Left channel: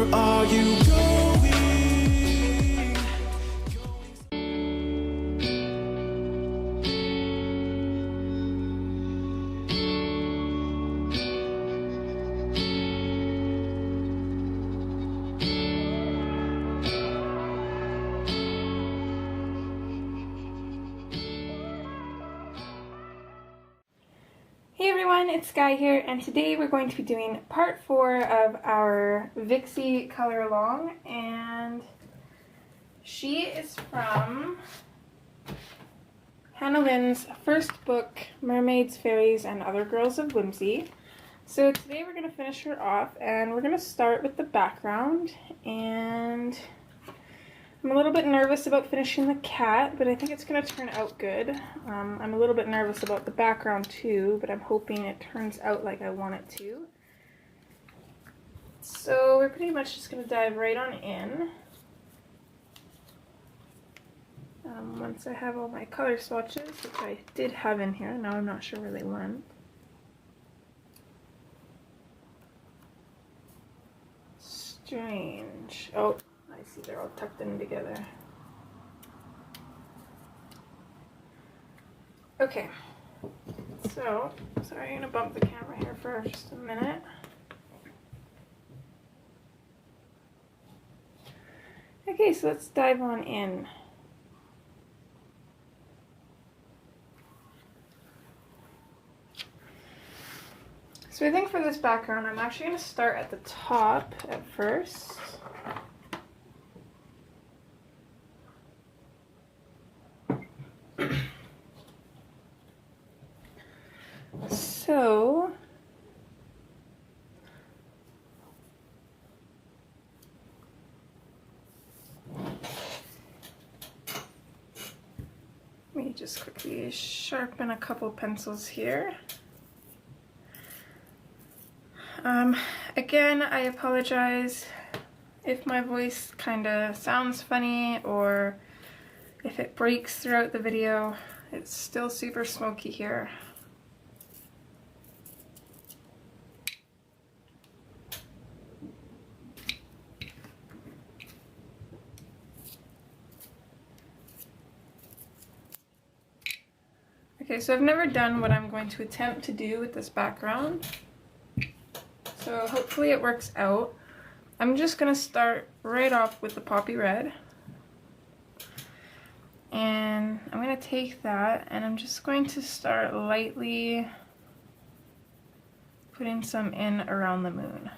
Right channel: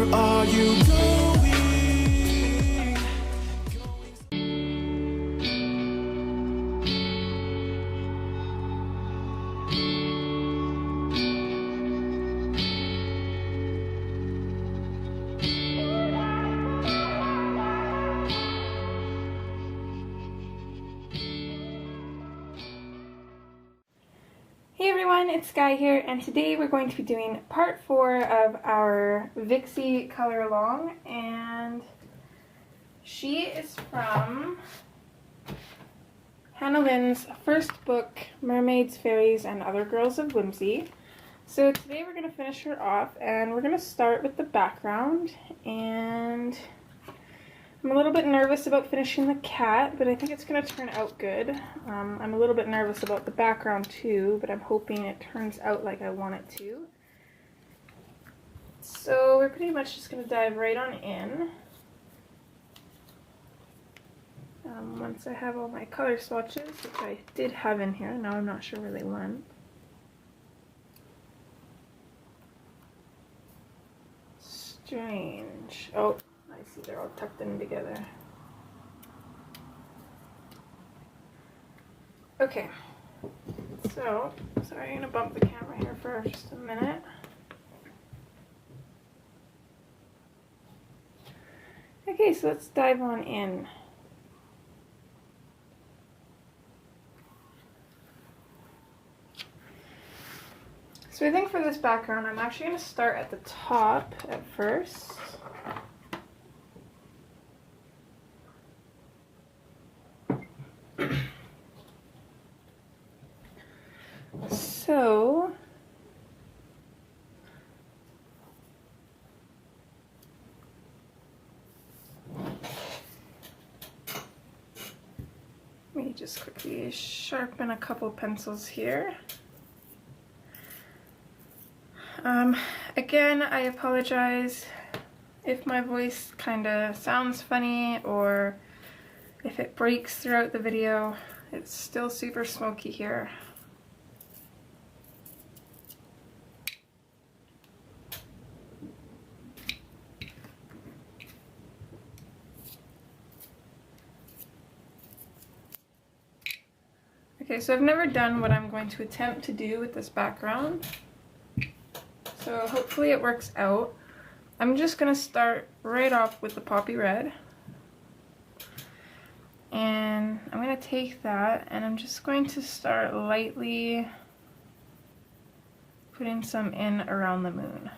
Where are you going? Hey everyone, it's Sky here, and today we're going to be doing part 4 of our Vixie color along, and she is from Hannah Lynn's first book, Mermaids, Fairies, and Other Girls of Whimsy. So today we're going to finish her off, and we're going to start with the background, and I'm a little bit nervous about finishing the cat, but I think it's going to turn out good. I'm a little bit nervous about the background too, but I'm hoping it turns out like I want it to. So we're pretty much just going to dive right on in. Once I have all my color swatches, which I did have in here, now I'm not sure where they went. Strange. Oh, I see they're all tucked in together. Okay, so sorry, I'm going to bump the camera here for just a minute. Okay, so let's dive on in. So I think for this background, I'm actually going to start at the top at first. So let me just quickly sharpen a couple pencils here. Again, I apologize if my voice kind of sounds funny or if it breaks throughout the video. It's still super smoky here. Okay, so I've never done what I'm going to attempt to do with this background, so hopefully it works out. I'm just going to start right off with the poppy red, and I'm going to take that and I'm just going to start lightly putting some in around the moon.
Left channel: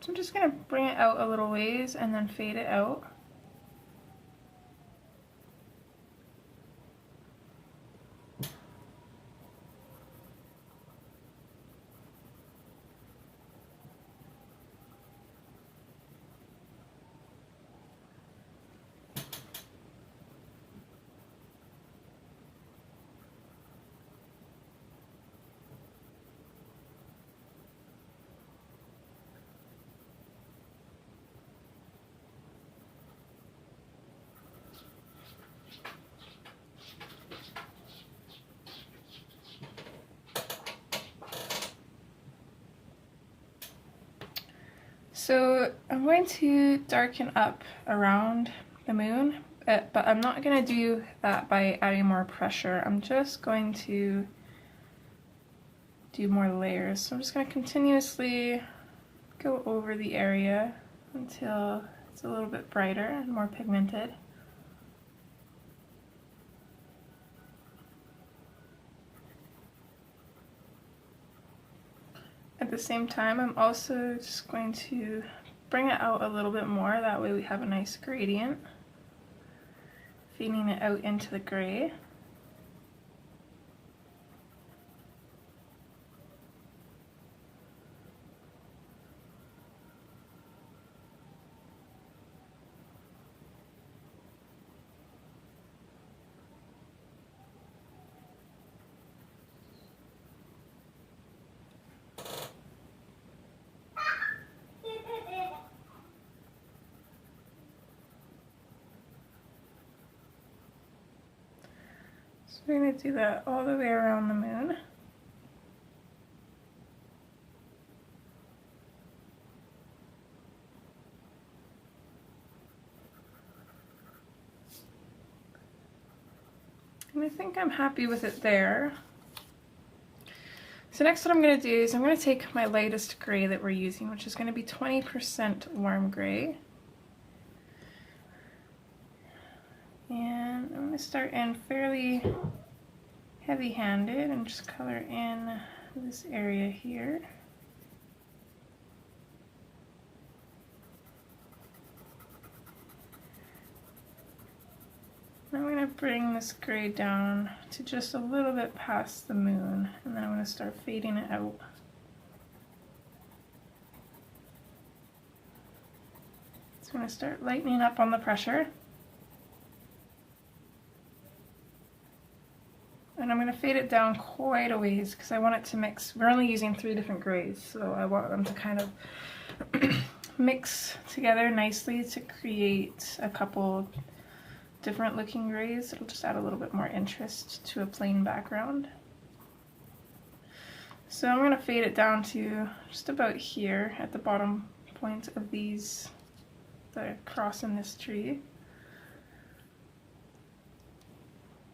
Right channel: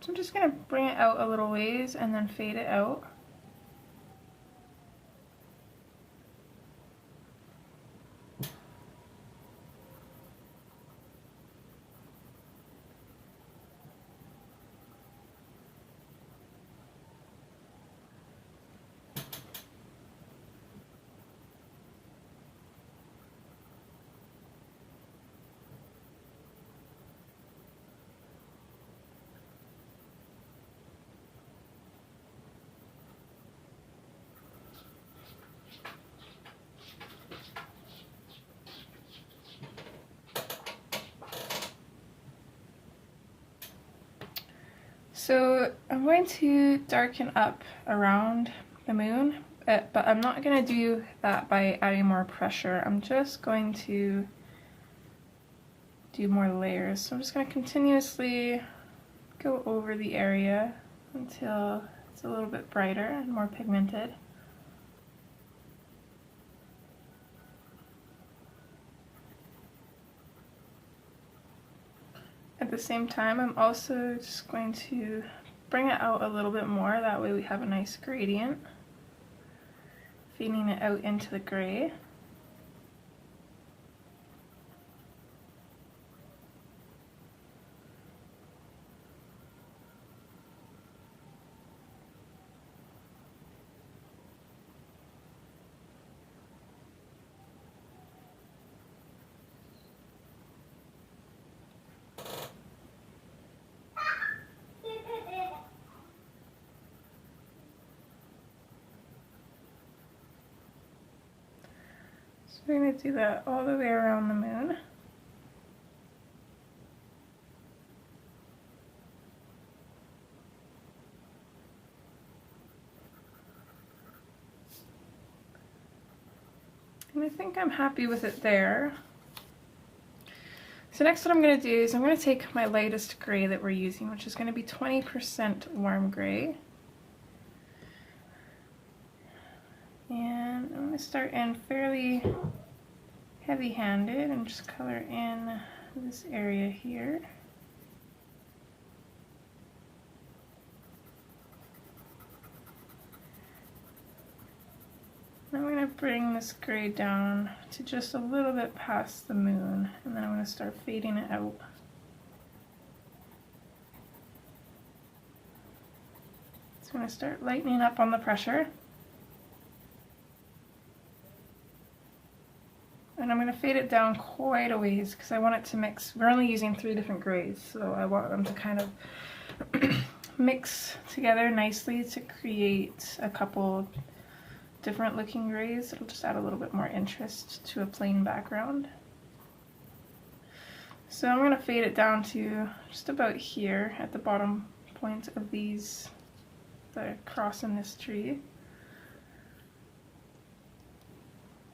So I'm just going to bring it out a little ways and then fade it out. So I'm going to darken up around the moon, but I'm not going to do that by adding more pressure. I'm just going to do more layers. So I'm just going to continuously go over the area until it's a little bit brighter and more pigmented. At the same time, I'm also just going to bring it out a little bit more, that way we have a nice gradient, feeding it out into the gray. we're going to do that all the way around the moon. And I think I'm happy with it there. So next what I'm going to do is I'm going to take my lightest gray that we're using, which is going to be 20% warm gray. And I'm going to start in fairly heavy-handed and just color in this area here. I'm going to bring this gray down to just a little bit past the moon, and then I'm going to start fading it out. So I'm going to start lightening up on the pressure. And I'm going to fade it down quite a ways because I want it to mix. We're only using 3 different grays, so I want them to kind of mix together nicely to create a couple different looking grays. It'll just add a little bit more interest to a plain background. So I'm going to fade it down to just about here at the bottom point of these that are crossing this tree.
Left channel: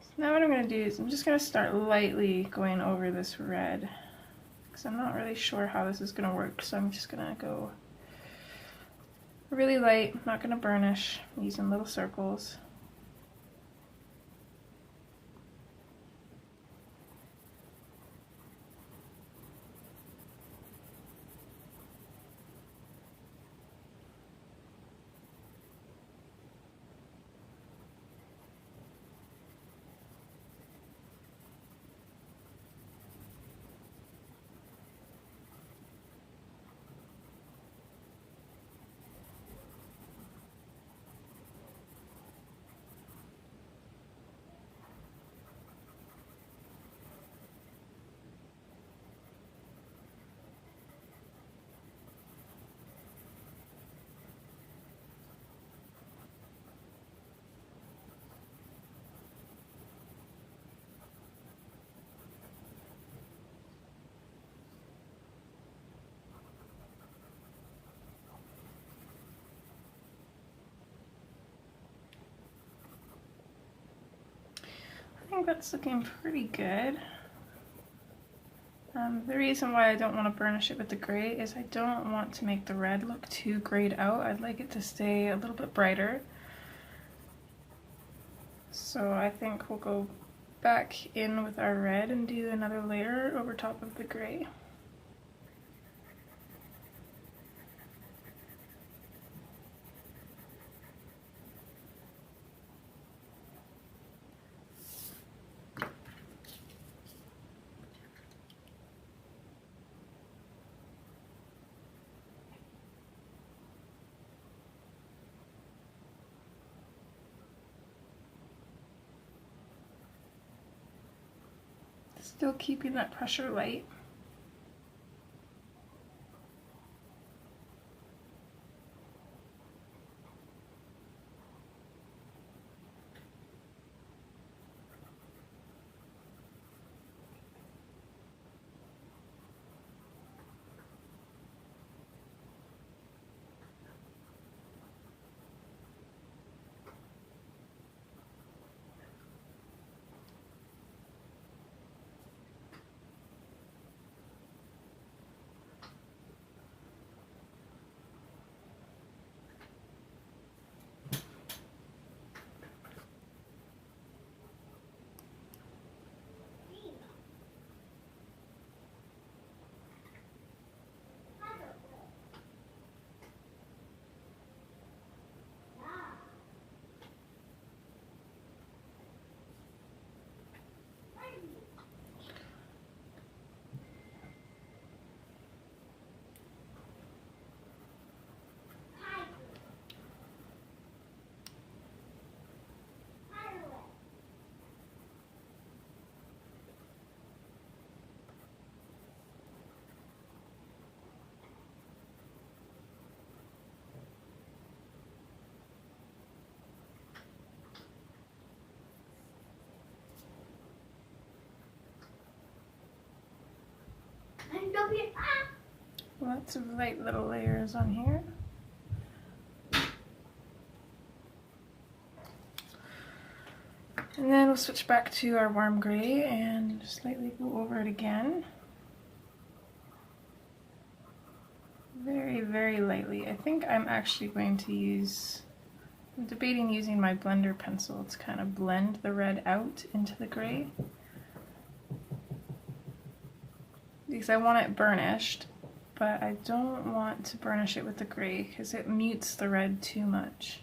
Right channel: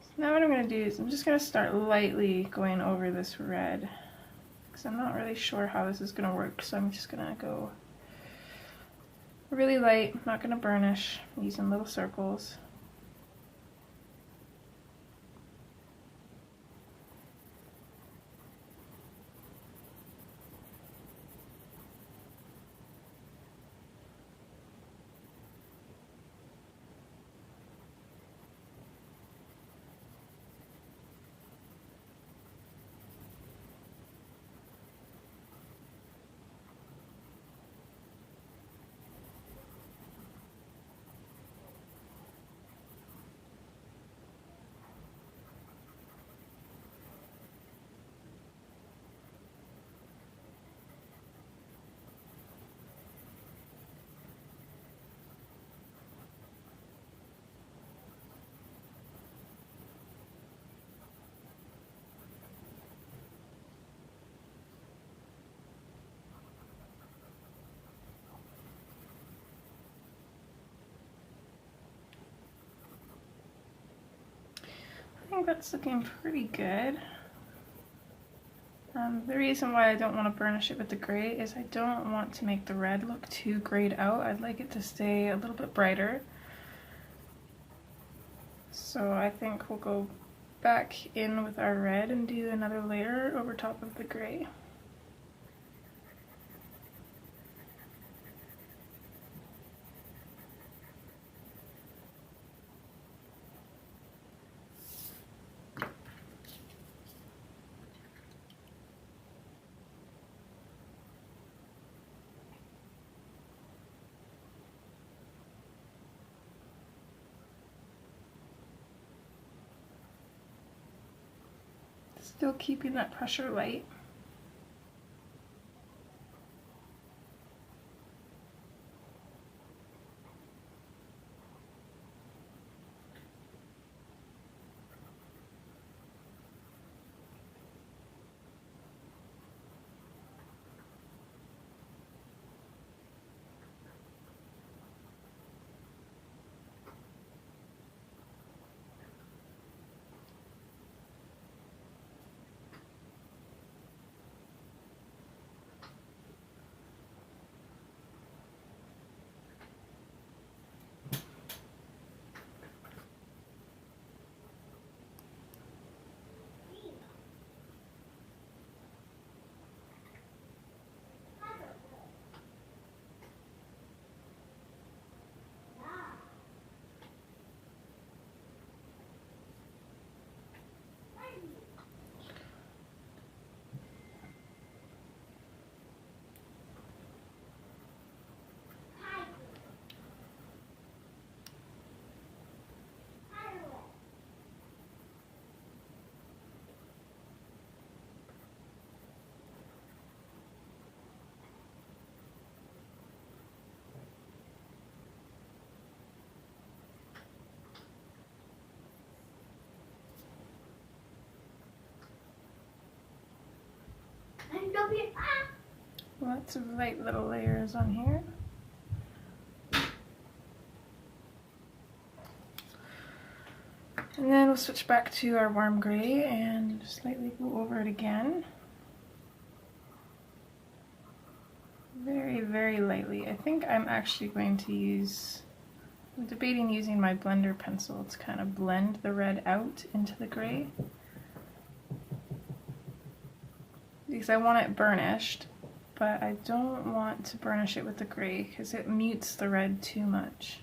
So now what I'm going to do is I'm just going to start lightly going over this red because I'm not really sure how this is going to work, so I'm just going to go really light. I'm not going to burnish, I'm using little circles. I think that's looking pretty good. The reason why I don't want to burnish it with the gray is I don't want to make the red look too grayed out. I'd like it to stay a little bit brighter. So I think we'll go back in with our red and do another layer over top of the gray. Still keeping that pressure light. lots of light little layers on here. And then we'll switch back to our warm gray and slightly go over it again. Very, very lightly. I think I'm actually going to use, I'm debating using my blender pencil to kind of blend the red out into the gray. Because I want it burnished, but I don't want to burnish it with the gray because it mutes the red too much.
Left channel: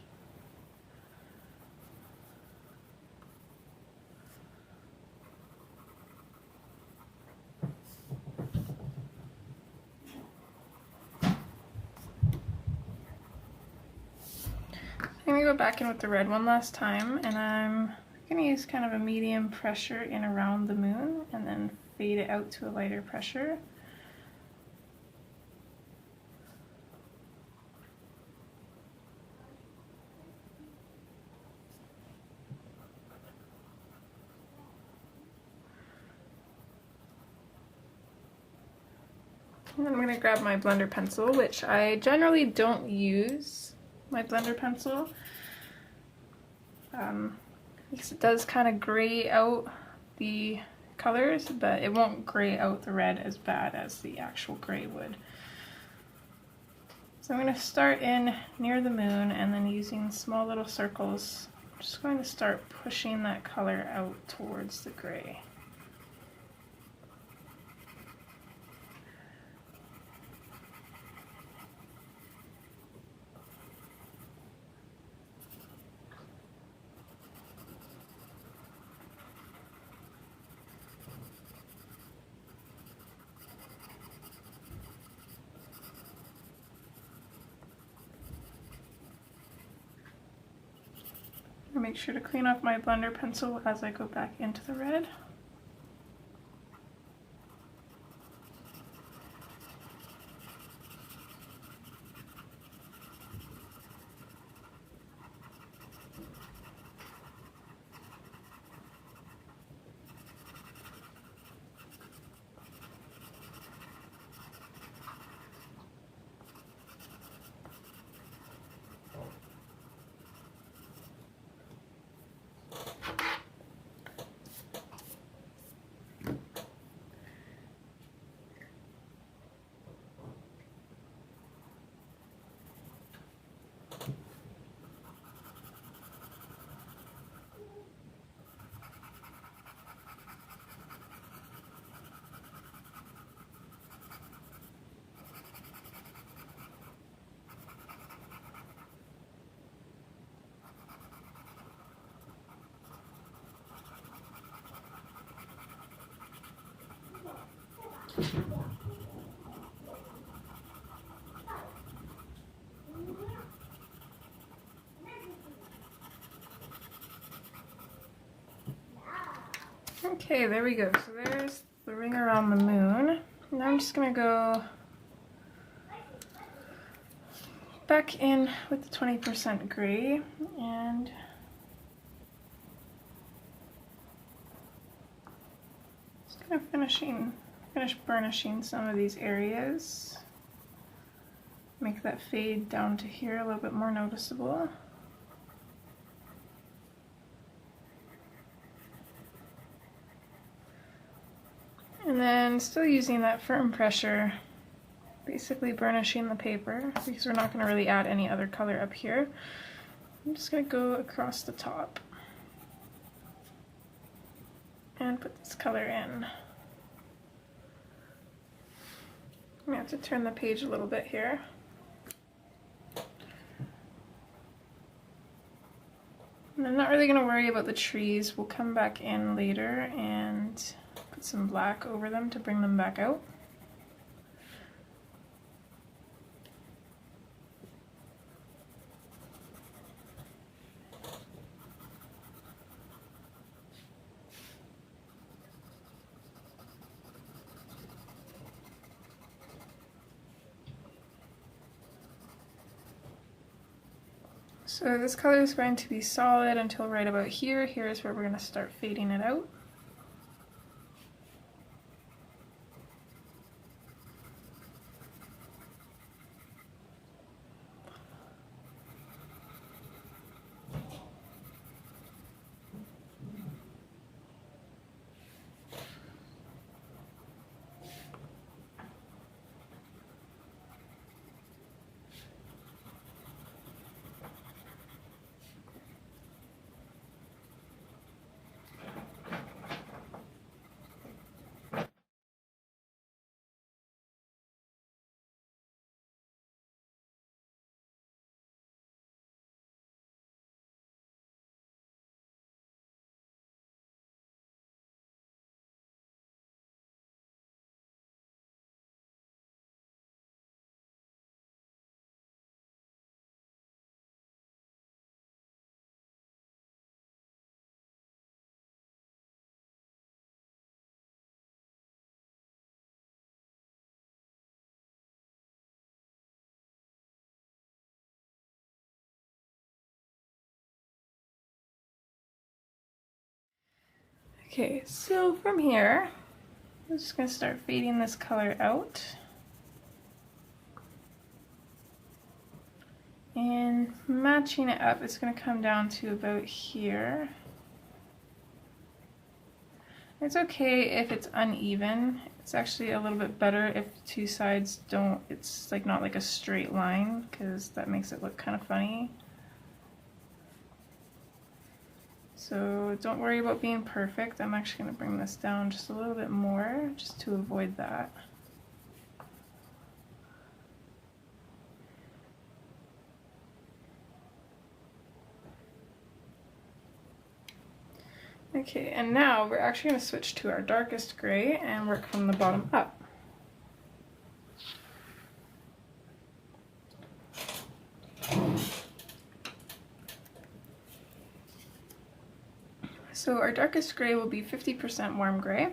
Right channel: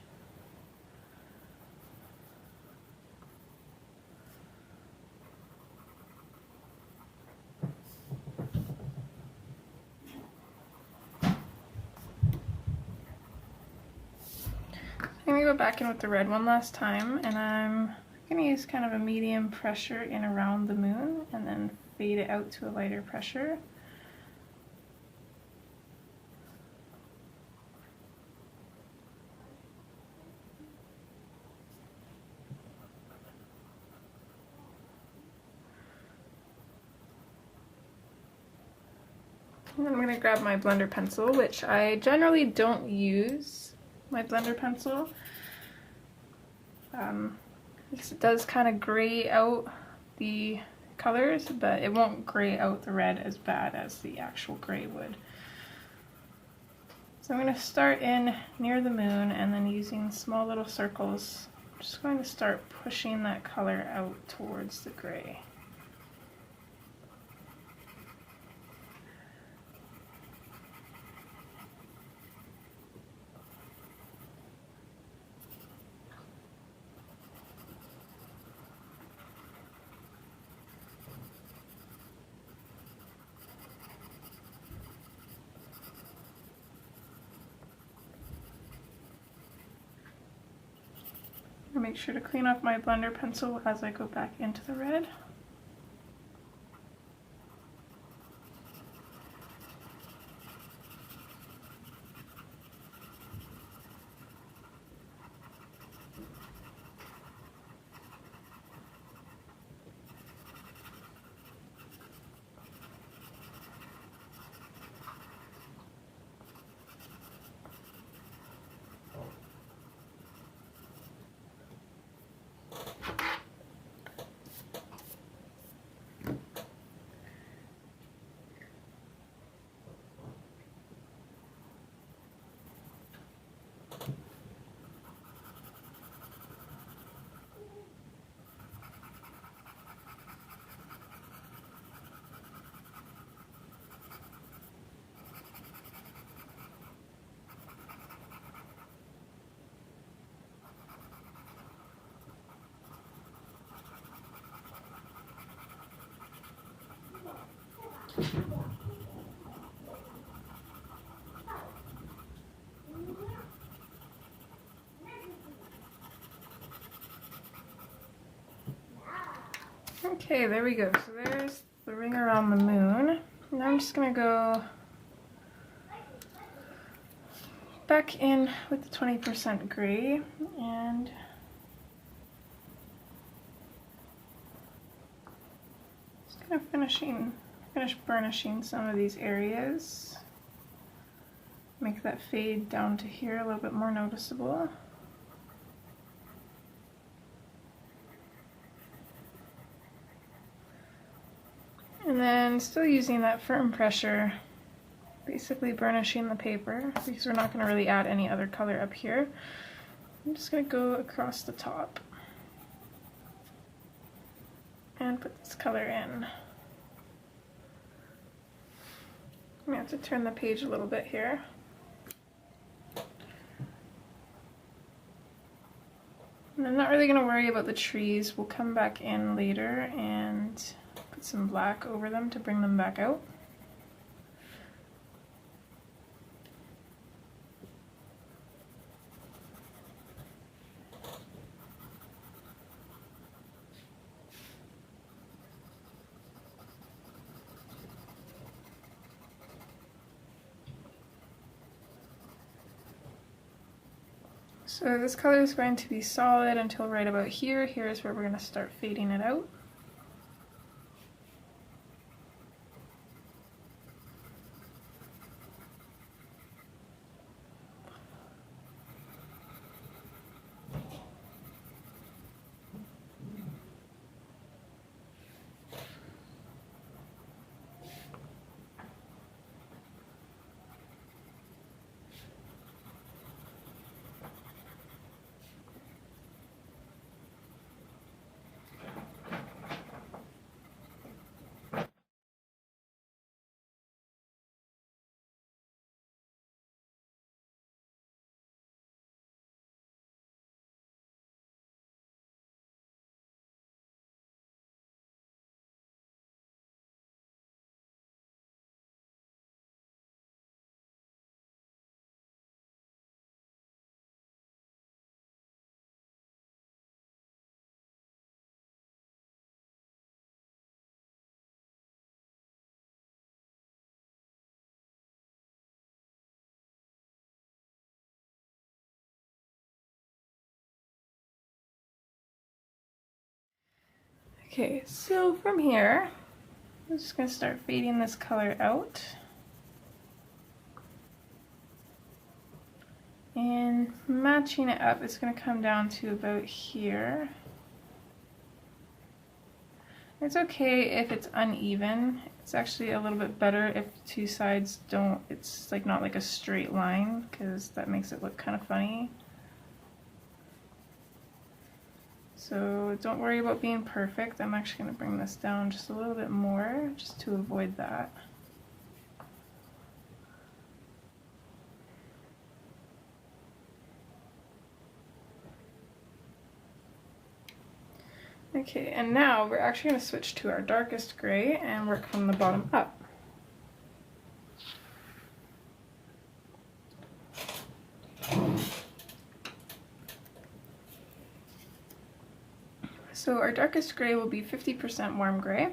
I'm going to go back in with the red one last time, and I'm going to use kind of a medium pressure in around the moon and then fade it out to a lighter pressure. And then I'm going to grab my blender pencil, which I generally don't use my blender pencil. Because it does kind of gray out the colors, but it won't gray out the red as bad as the actual gray would. So I'm going to start in near the moon and then using small little circles, I'm just going to start pushing that color out towards the gray. Make sure to clean off my blender pencil as I go back into the red. Okay, there we go. So there's the ring around the moon. Now I'm just going to go back in with the 20% gray and just kind of finish burnishing some of these areas. Make that fade down to here a little bit more noticeable. And then still using that firm pressure, basically burnishing the paper because we're not going to really add any other color up here. I'm just going to go across the top and put this color in. I'm going to have to turn the page a little bit here. And I'm not really going to worry about the trees. We'll come back in later and put some black over them to bring them back out. So this color is going to be solid until right about here. Here's where we're going to start fading it out. Okay, so from here, I'm just going to start fading this color out. And matching it up, it's going to come down to about here. It's okay if it's uneven. It's actually a little bit better if the two sides don't, it's like not like a straight line, because that makes it look kind of funny. So don't worry about being perfect. I'm actually going to bring this down just a little bit more, just to avoid that. Okay, and now we're actually going to switch to our darkest gray and work from the bottom up. So our darkest gray will be 50% warm gray.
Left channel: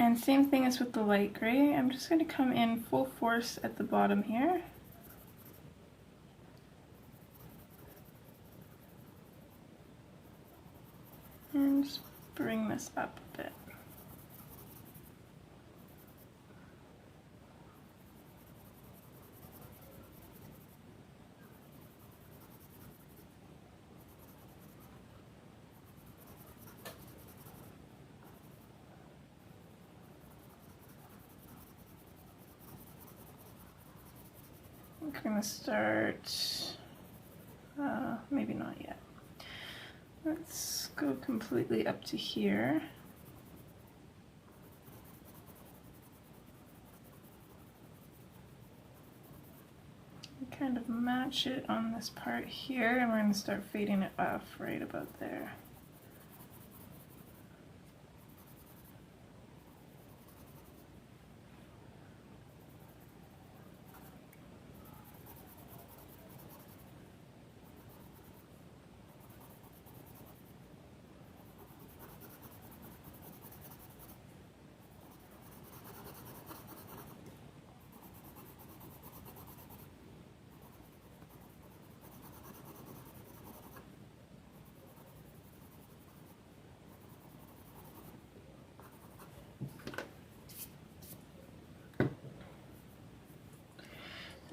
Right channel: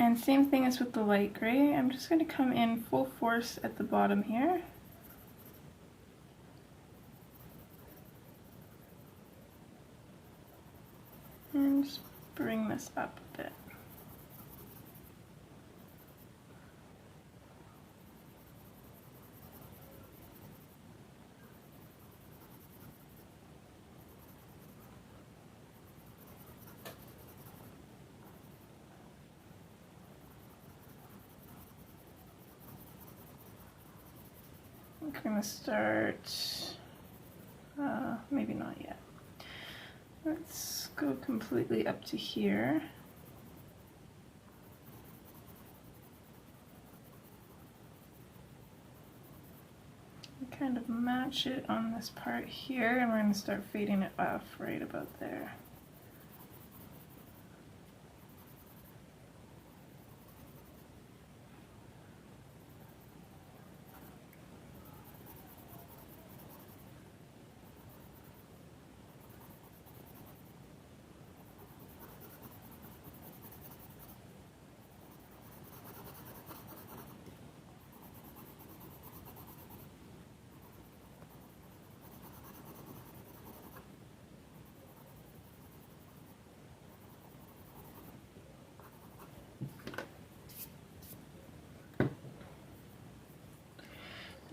And same thing as with the light gray, I'm just going to come in full force at the bottom here. And just bring this up a bit. I'm going to start, maybe not yet. Let's go completely up to here. And kind of match it on this part here, and we're going to start fading it off right about there.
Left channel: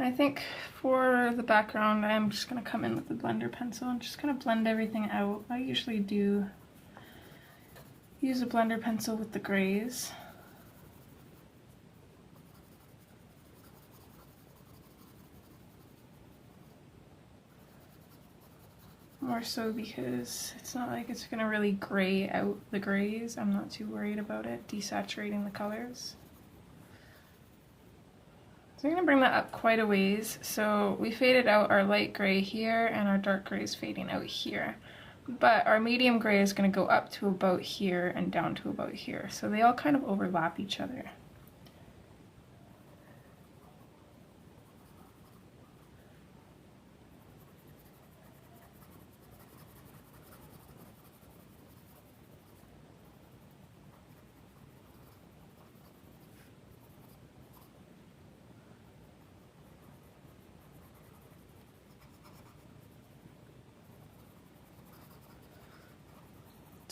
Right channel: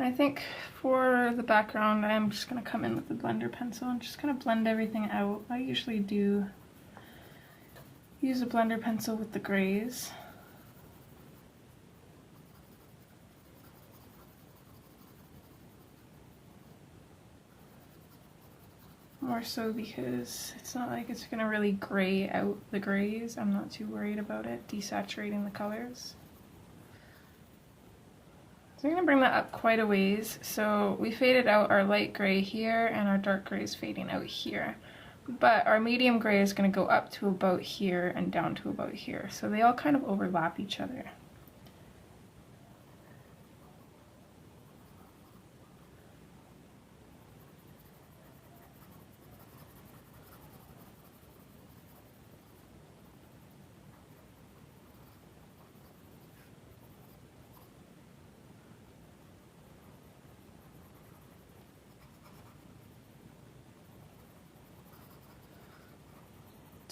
I think for the background, I'm just going to come in with the blender pencil and just kind of blend everything out. I usually do use a blender pencil with the grays. More so because it's not like it's going to really gray out the grays. I'm not too worried about it desaturating the colors. So I'm going to bring that up quite a ways. So we faded out our light gray here and our dark gray is fading out here. But our medium gray is going to go up to about here and down to about here. So they all kind of overlap each other.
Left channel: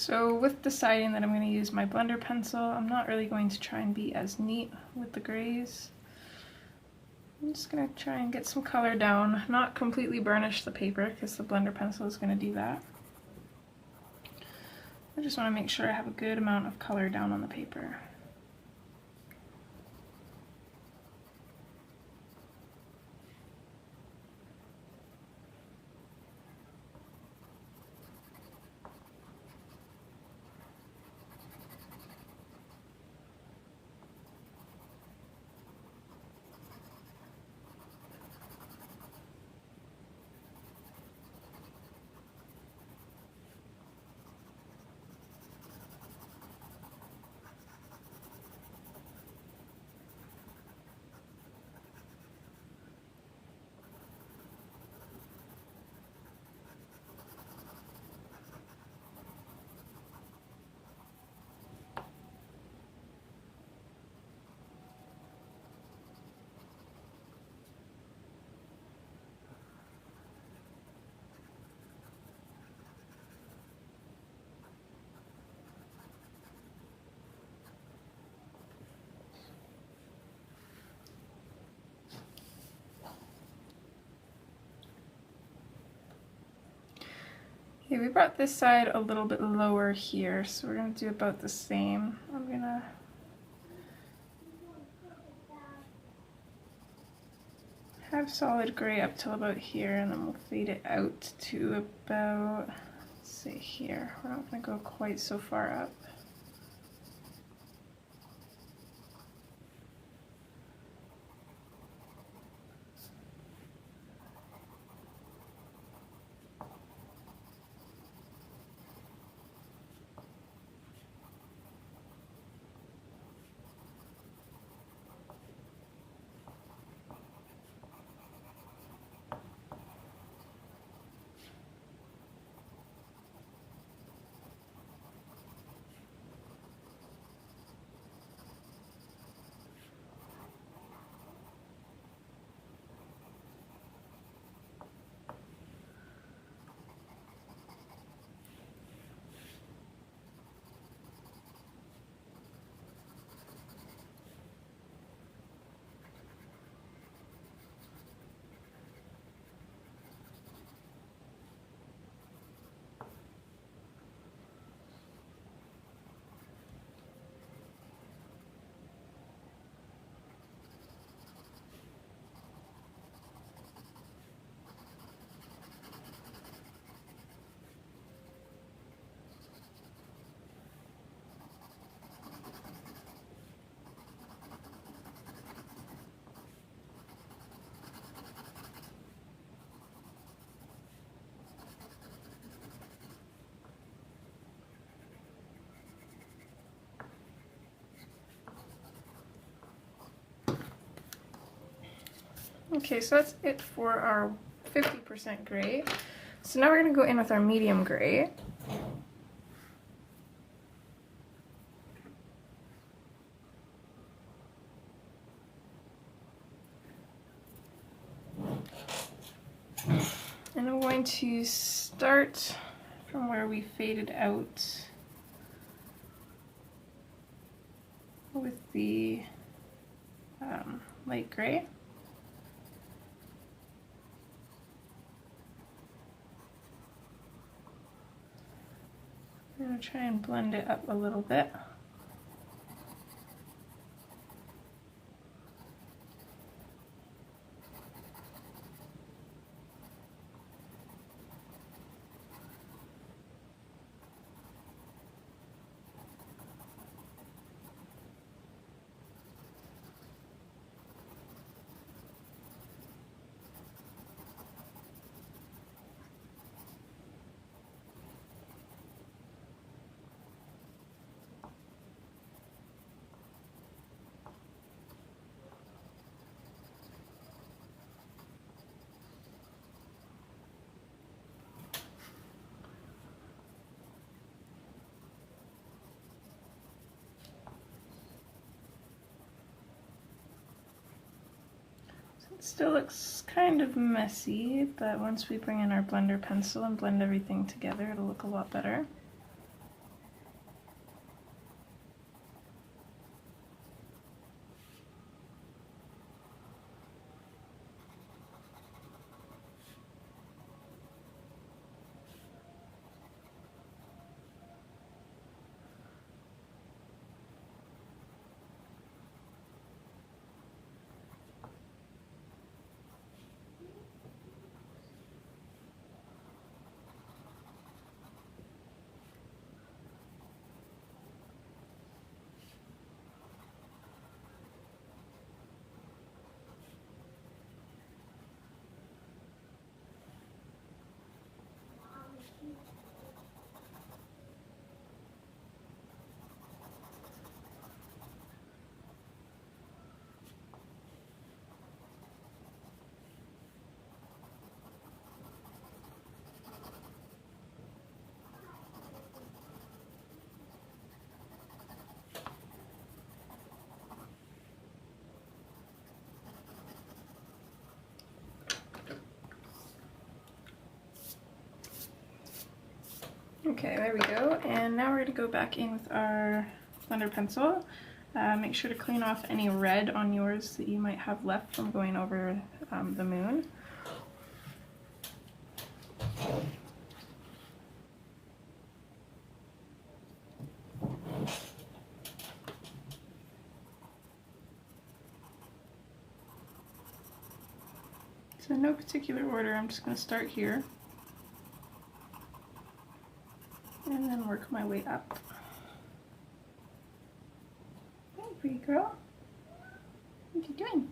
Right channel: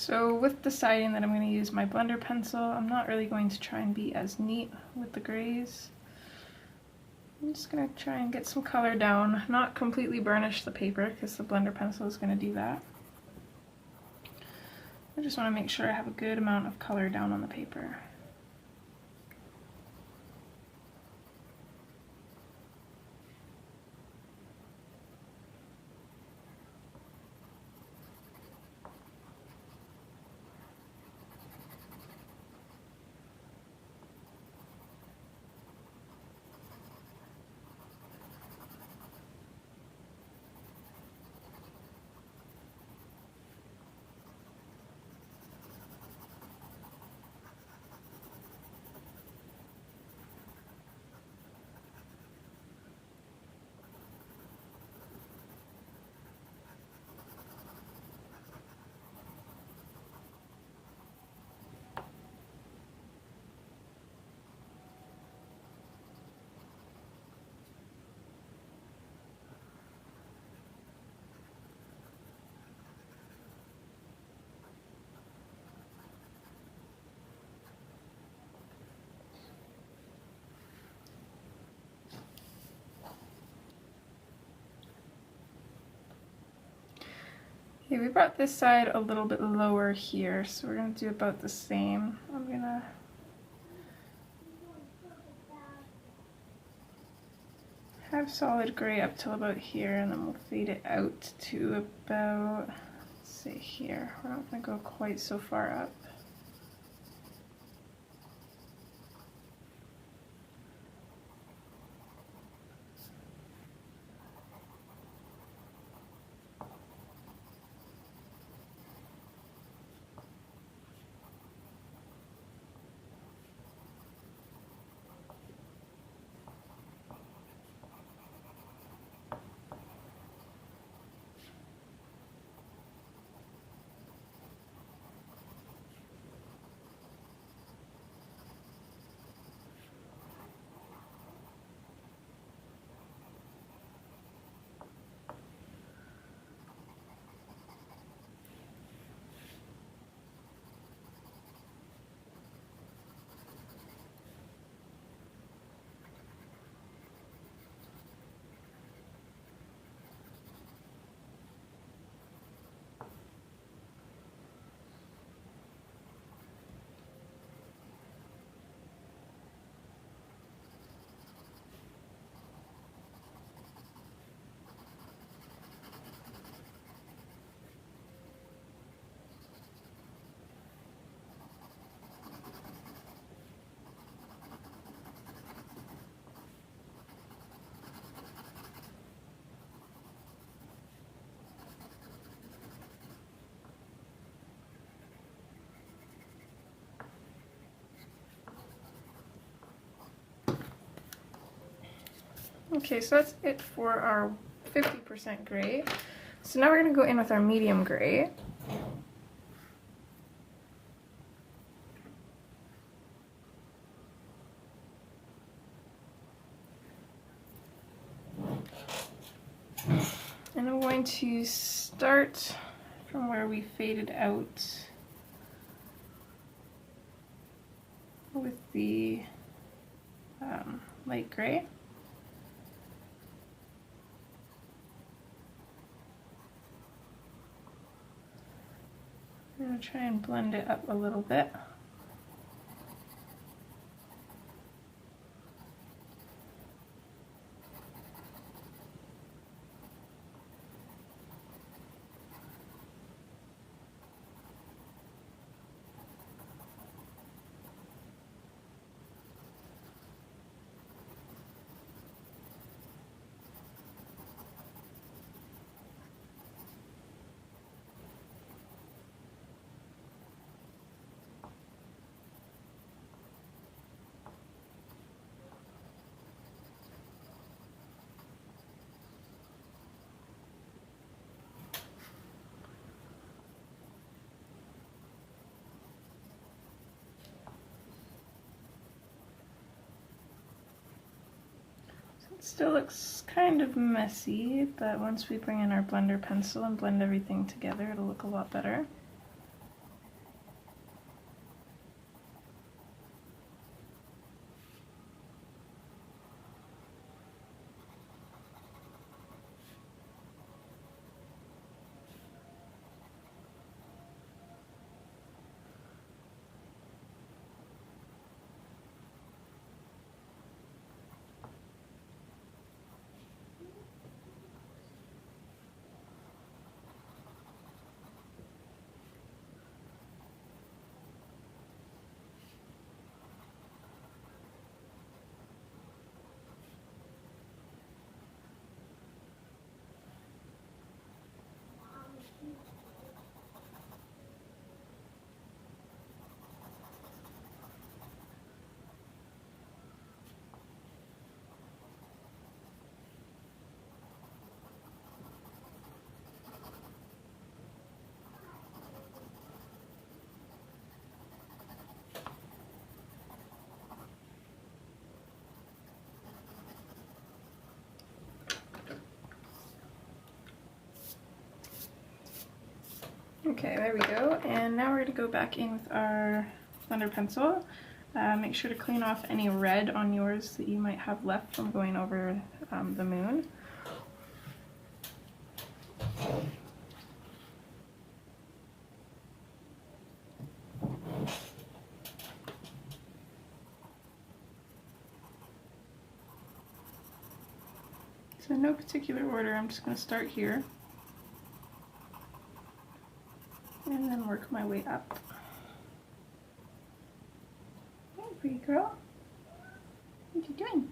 So with deciding that I'm going to use my blender pencil, I'm not really going to try and be as neat with the grays. I'm just going to try and get some color down, not completely burnish the paper because the blender pencil is going to do that. I just want to make sure I have a good amount of color down on the paper. Okay, we brought this side a little bit lower here, so we're going to do about the same. I'm going to have solid gray up till about here, and then we'll fade it out to about, let's see here, we're not going to go quite so far up. Okay, so that's it for our 50% gray. So now we're going to go in with our medium gray. And I'm going to start from where we faded out with the light gray. I'm going to try and blend it up a little bit. It still looks kind of messy, but once we bring in our blender pencil and blend everything together, it'll look a lot better. Okay, there we go, and now we're going to go back in with our blender pencil. Make sure to clean off any red on yours that you might have left from going over the moon. So in no particular order, I'm just going to start here and then work my way up. Okay, pretty girl. What are you doing?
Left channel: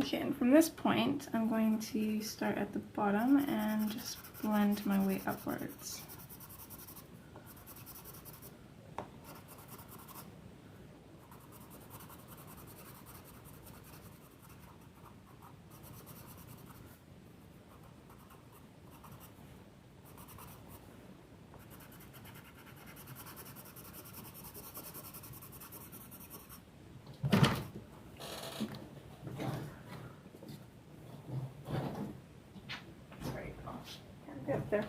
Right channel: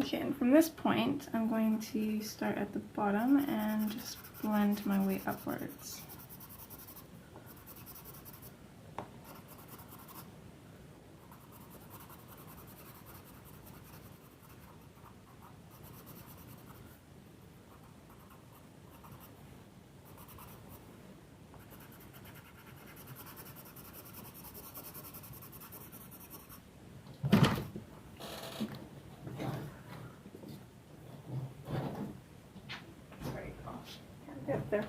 Okay, and from this point, I'm going to start at the bottom and just blend my way upwards. Get there.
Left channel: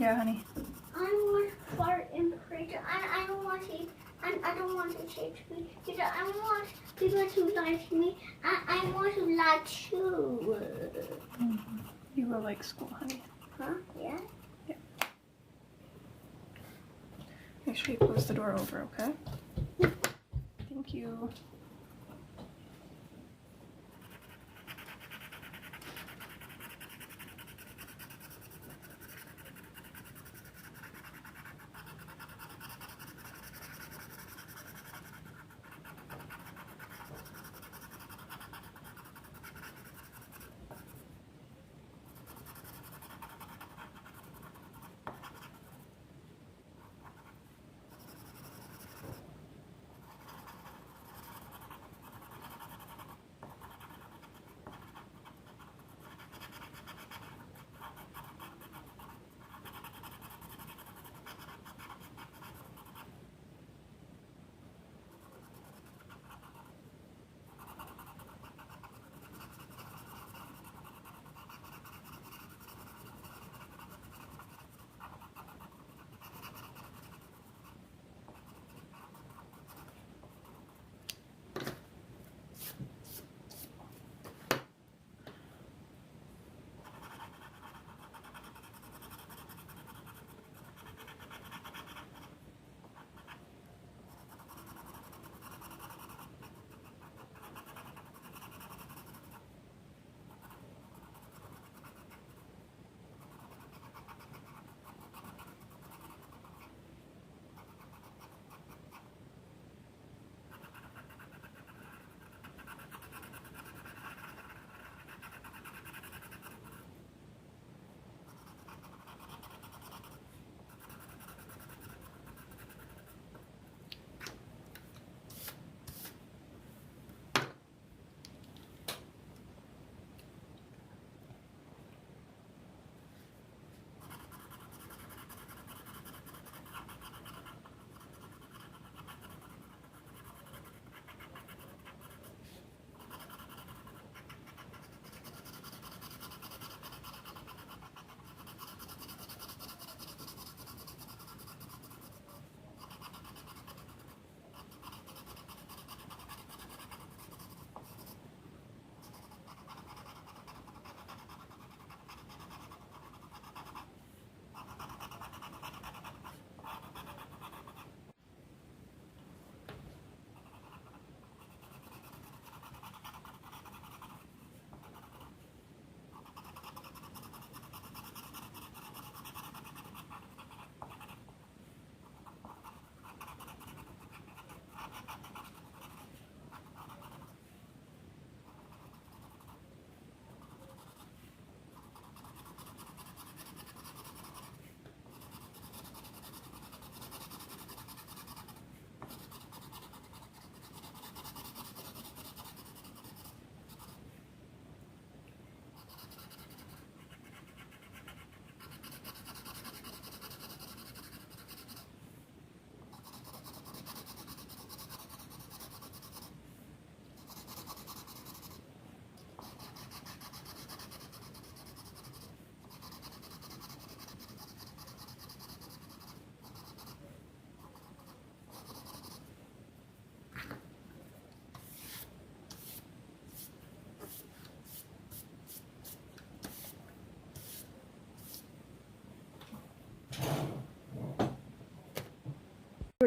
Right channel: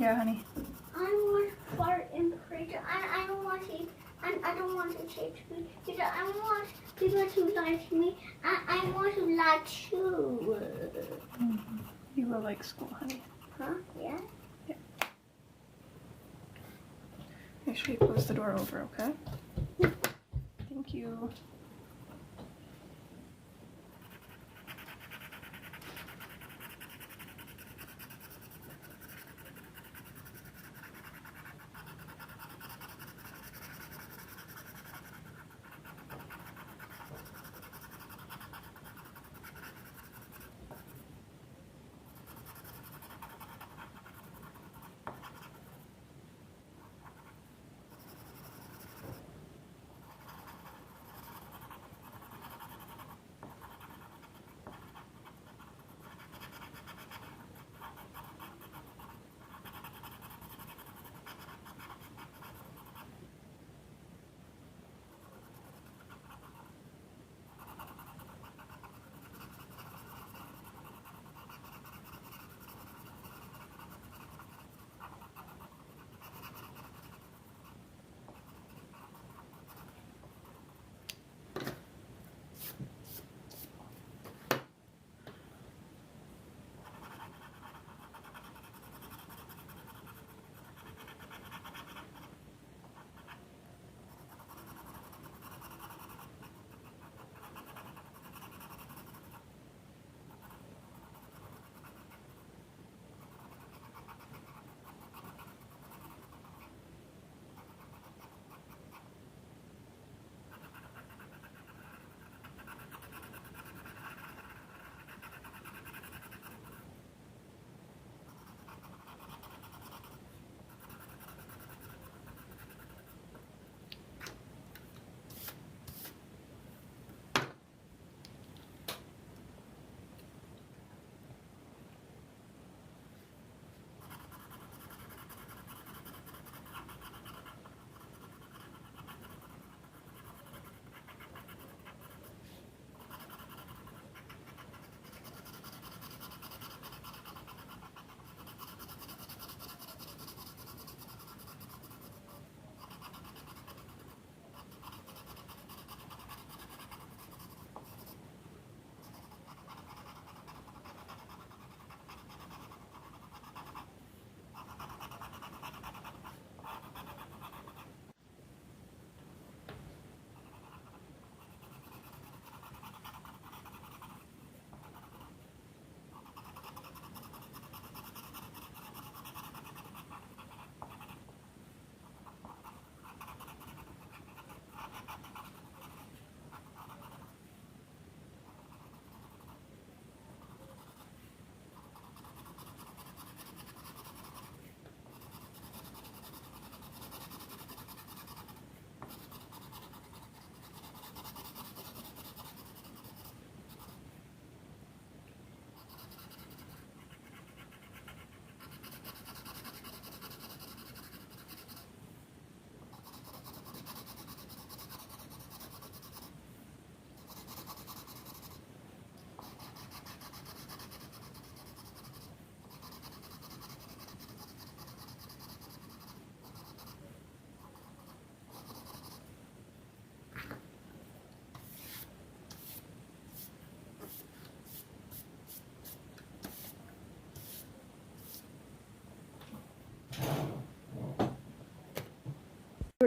Yeah, honey. I want to fart in the fridge. I don't want to. I don't want to say to me because I want people to lie to me. I want to lie too. You will like school, honey. Huh? Yeah. Make sure you close the door over, okay? Thank you.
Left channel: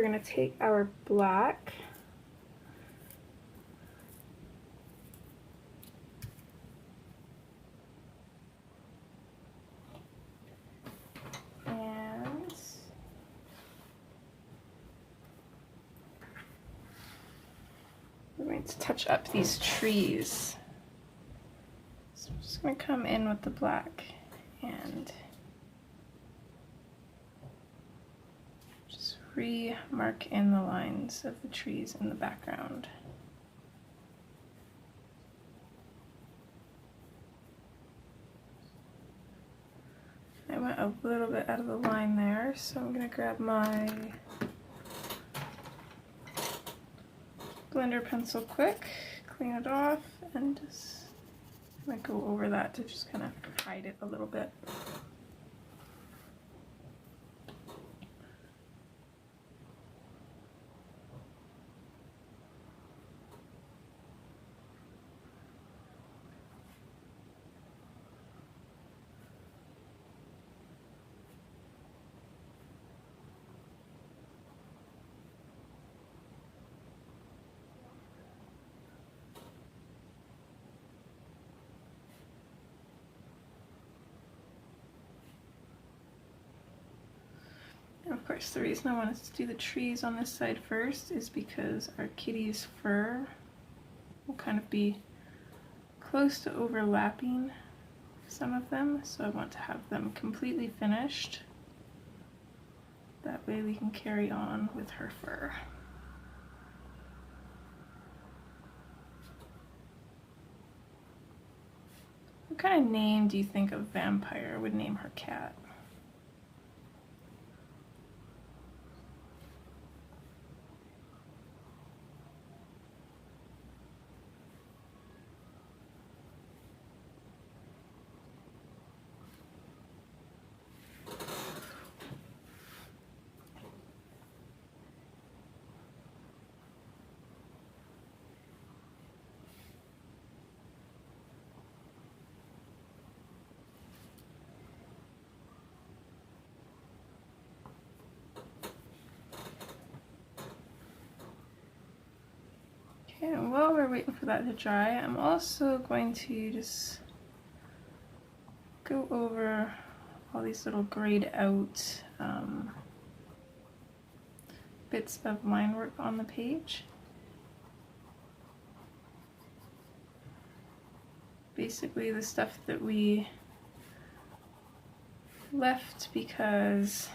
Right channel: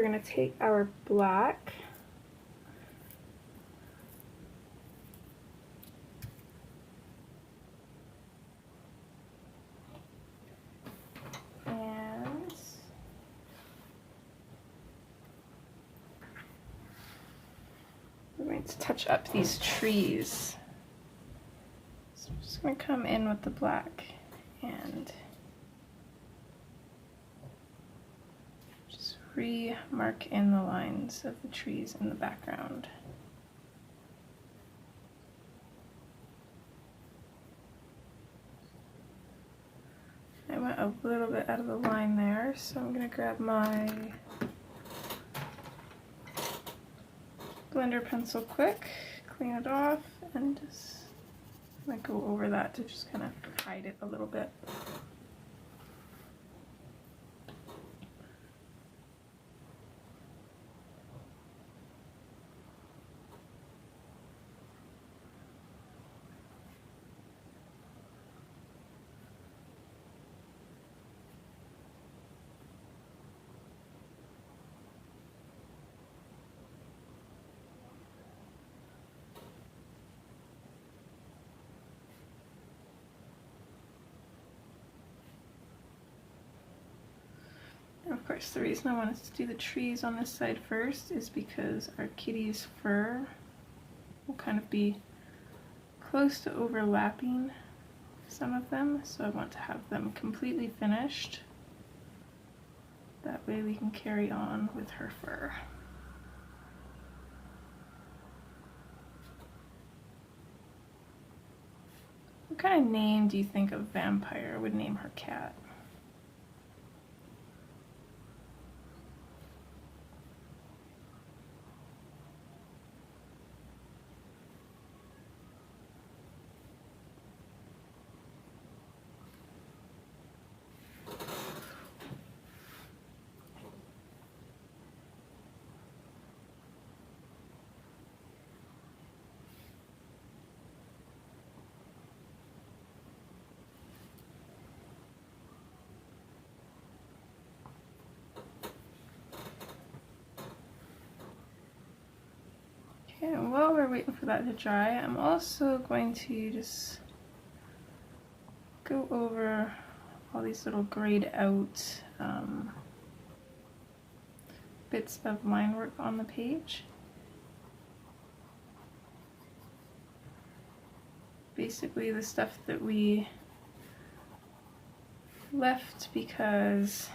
going to take our black and we're going to touch up these trees. So I'm just going to come in with the black and just re-mark in the lines of the trees in the background. I went a little bit out of the line there, so I'm going to grab my blender pencil quick, clean it off, and just go over that to just kind of hide it a little bit. Of course, the reason I wanted to do the trees on this side first is because our kitty's fur will kind of be close to overlapping some of them, so I want to have them completely finished. That way we can carry on with her fur. What kind of name do you think a vampire would name her cat? Okay, and while we're waiting for that to dry, I'm also going to just go over all these little grayed out bits of line work on the page. Basically the stuff that we left because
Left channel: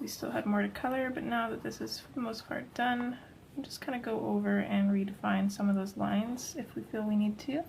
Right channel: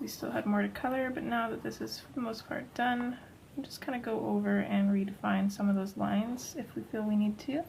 we still had more to color, but now that this is for the most part done, we'll just kind of go over and redefine some of those lines if we feel we need to.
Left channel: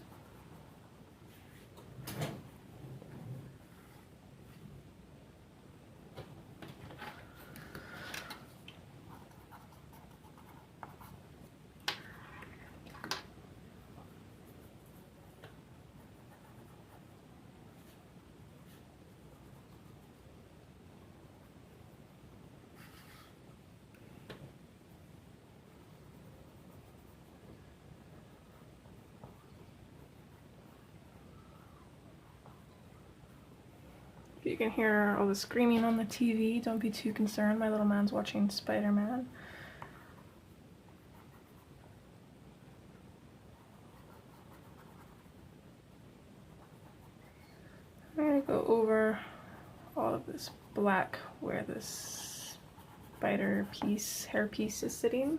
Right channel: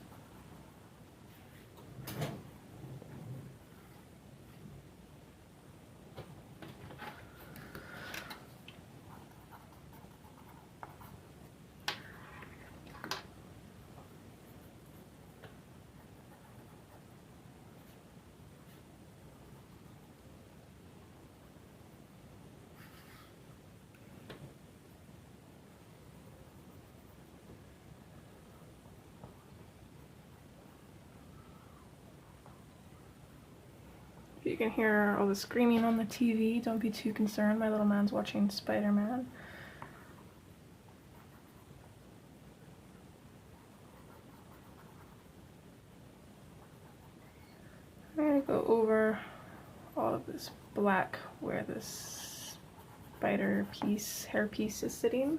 You can hear all the screaming on the TV. Don't be too concerned. My little man's watching Spider-Man. I'm going to go over all of this black where this spider piece, hair piece is sitting.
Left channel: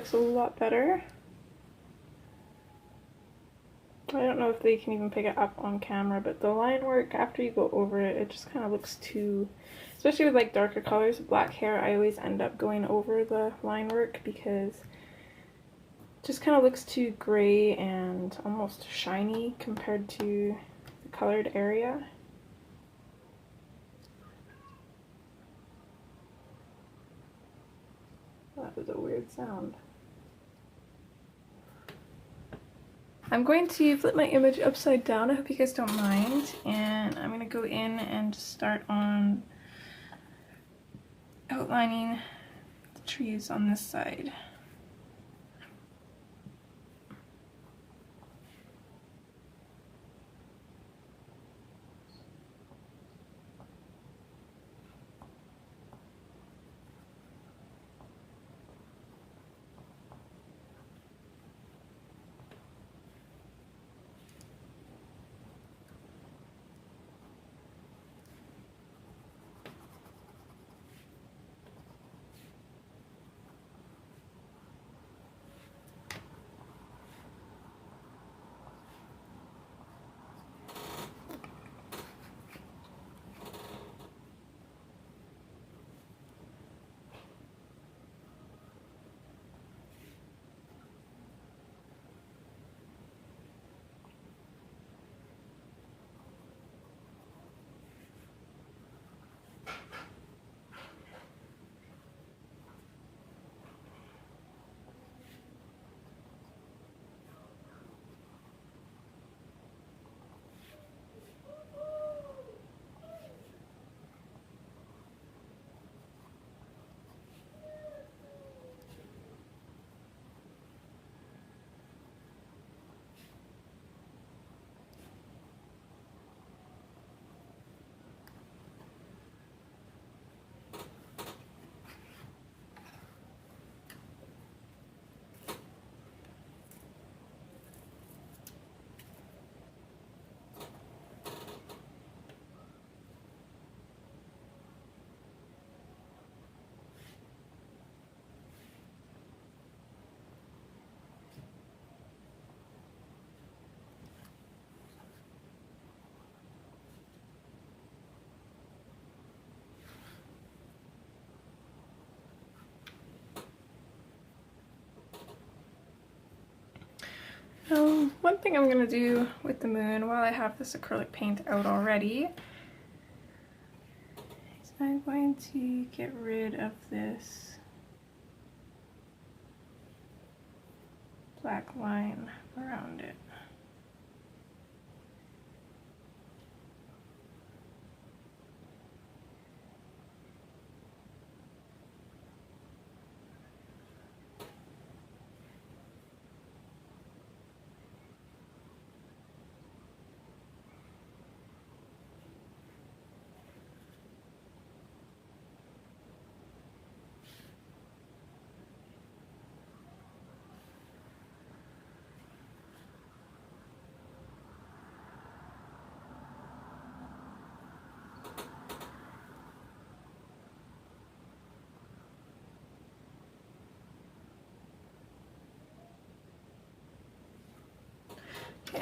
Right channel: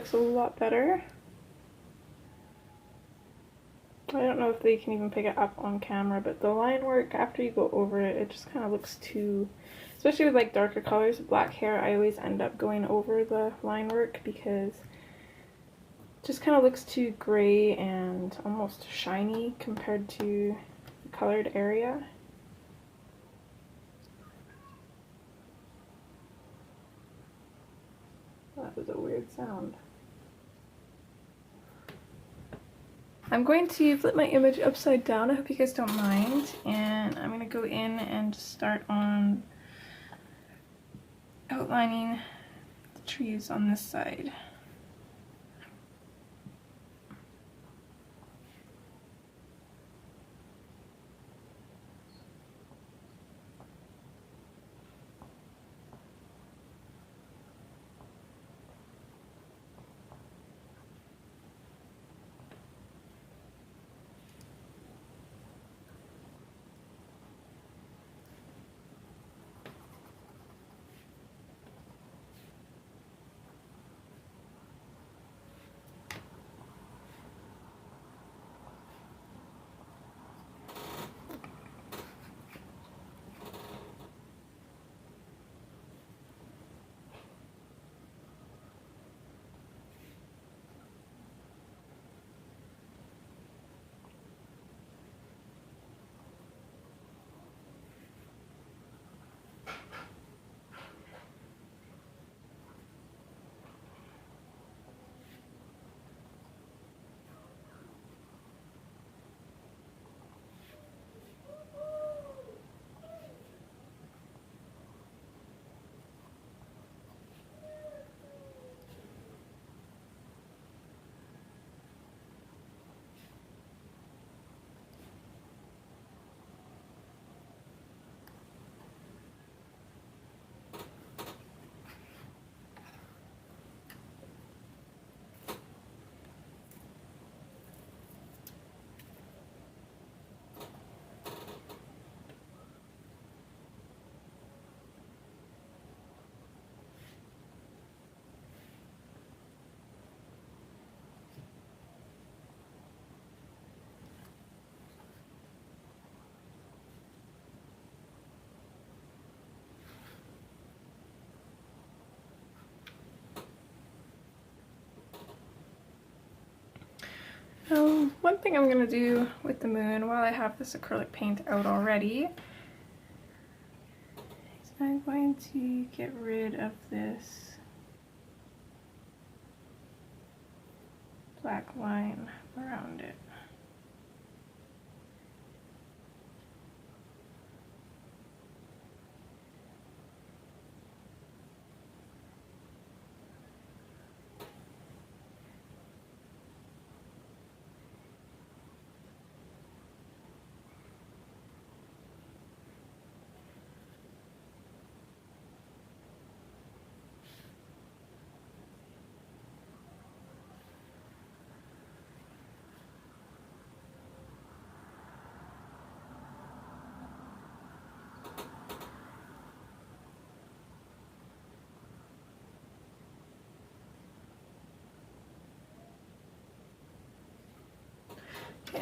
looks a lot better. I don't know if they can even pick it up on camera, but the line work, after you go over it, it just kind of looks too, especially with like darker colors, black hair, I always end up going over the line work because it just kind of looks too gray and almost shiny compared to the colored area. That was a weird sound. I'm going to flip my image upside down, I hope you guys don't mind, and I'm going to go in and just start on outlining the trees on this side. One thing I'm going to do with the moon while I have this acrylic paint out already is I'm going to get rid of this black line around it.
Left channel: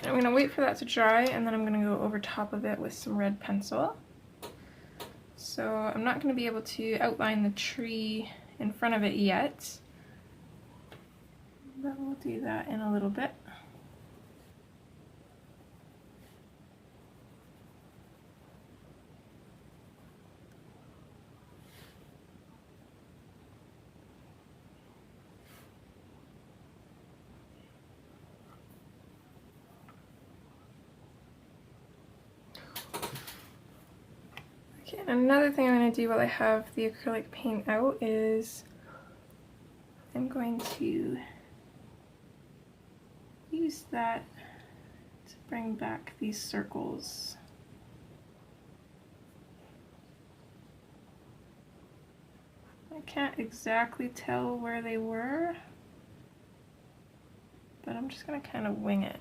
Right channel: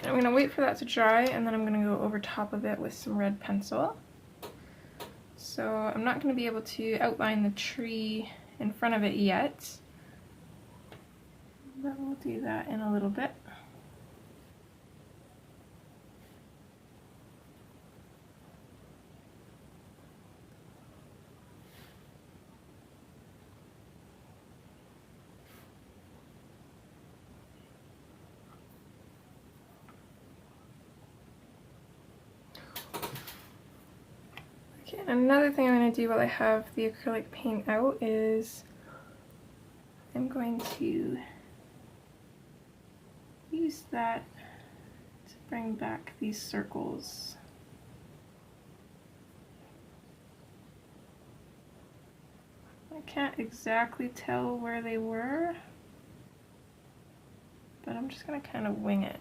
I'm going to wait for that to dry, and then I'm going to go over top of it with some red pencil. So I'm not going to be able to outline the tree in front of it yet, but we'll do that in a little bit. Another thing I'm going to do while I have the acrylic paint out is I'm going to use that to bring back these circles. I can't exactly tell where they were, but I'm just going to kind of wing it.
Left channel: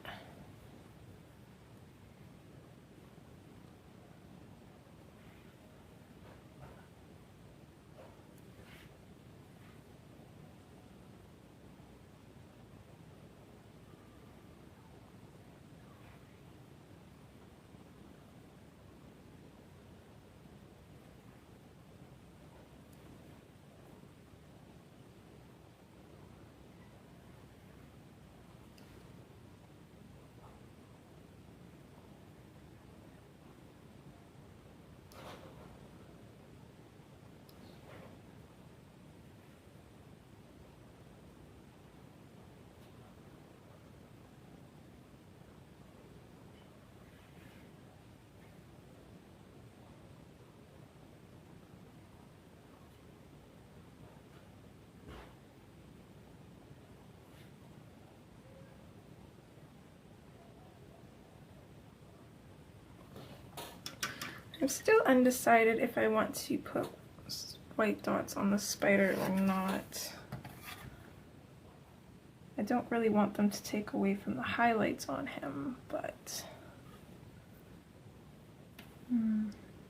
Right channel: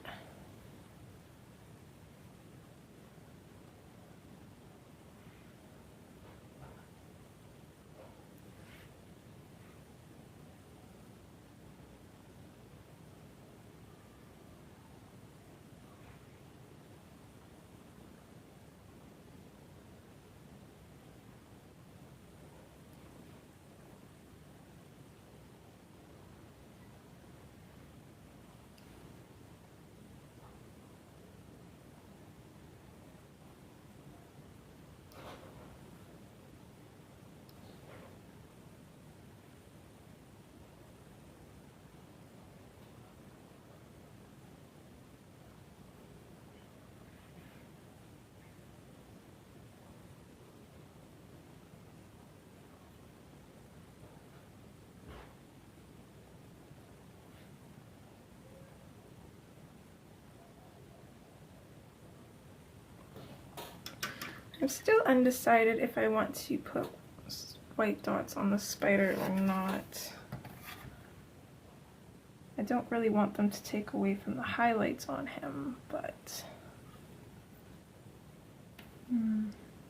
I'm still undecided if I want to put white dots on the spider or not. I don't really want them to take away from the highlights on him, but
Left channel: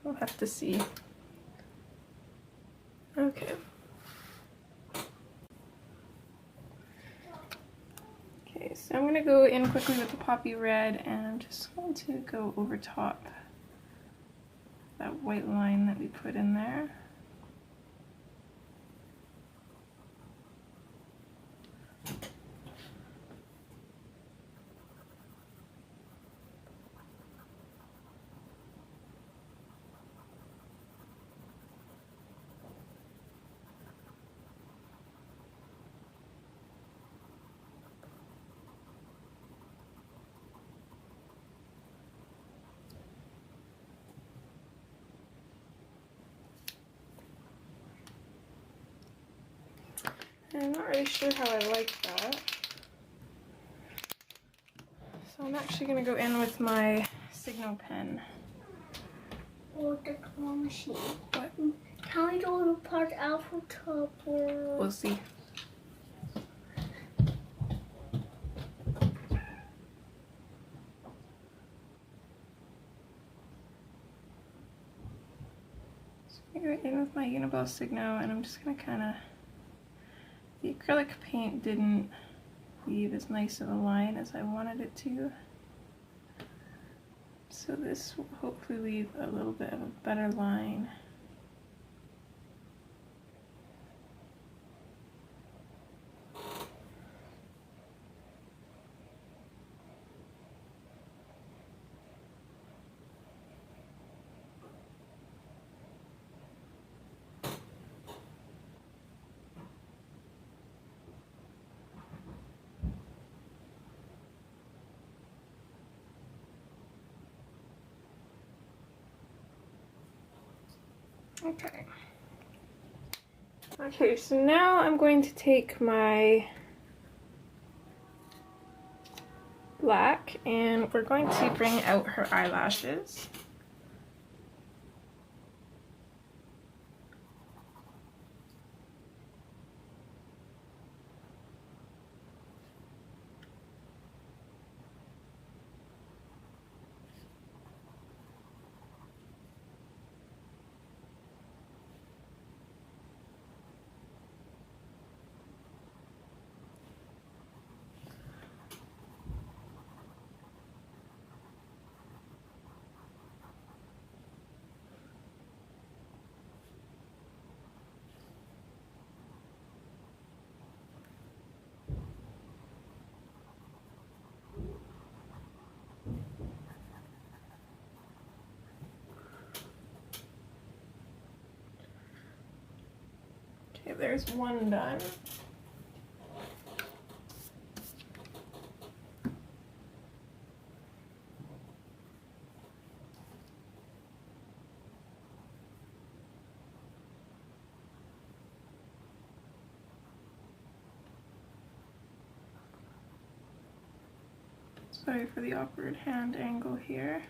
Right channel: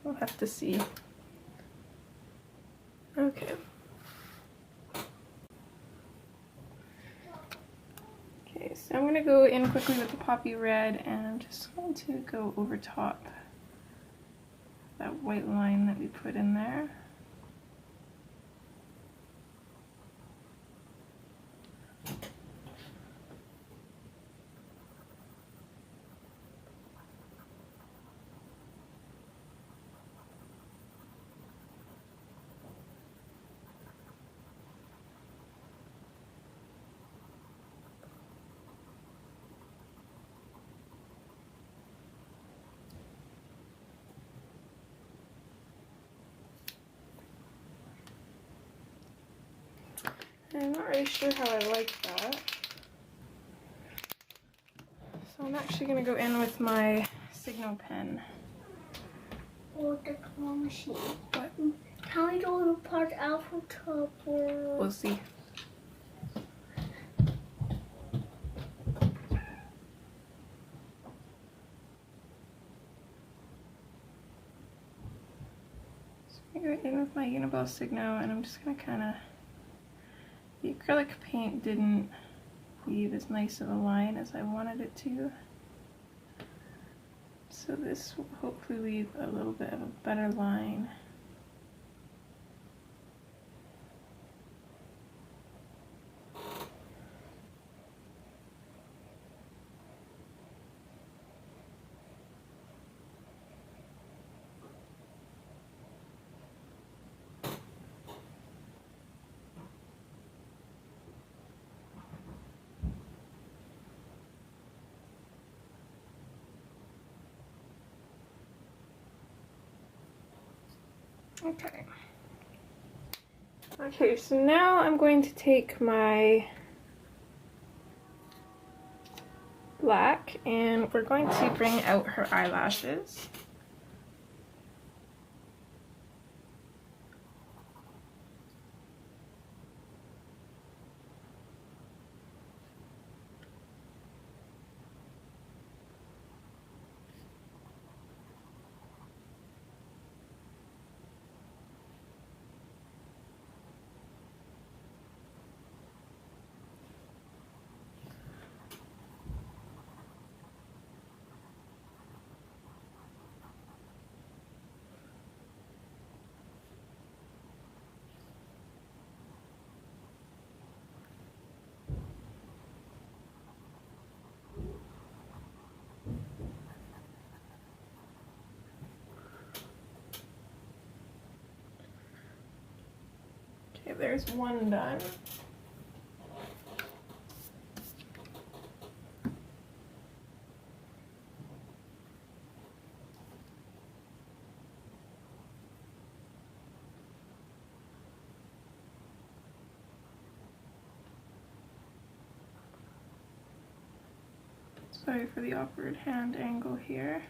we'll have to see. Okay. Okay, so I'm going to go in quickly with the poppy red, and I'm just going to go over top that white line that we put in there. I'm not really sure how I like that. So I'm actually going to go in with my Signo pen. Or the claw machine. What? Can we do the part alphabet? We'll see. So I'm in with my Uniball Signo, and I'm just going to kind of... The acrylic paint didn't leave as nice of a line as I wanted it to. So this will hopefully leave a little bit of a better line. Okay. Okay, so now I'm going to take my black and we're going to bring out her eyelashes. Okay, there's one done. Sorry for the awkward hand angle here.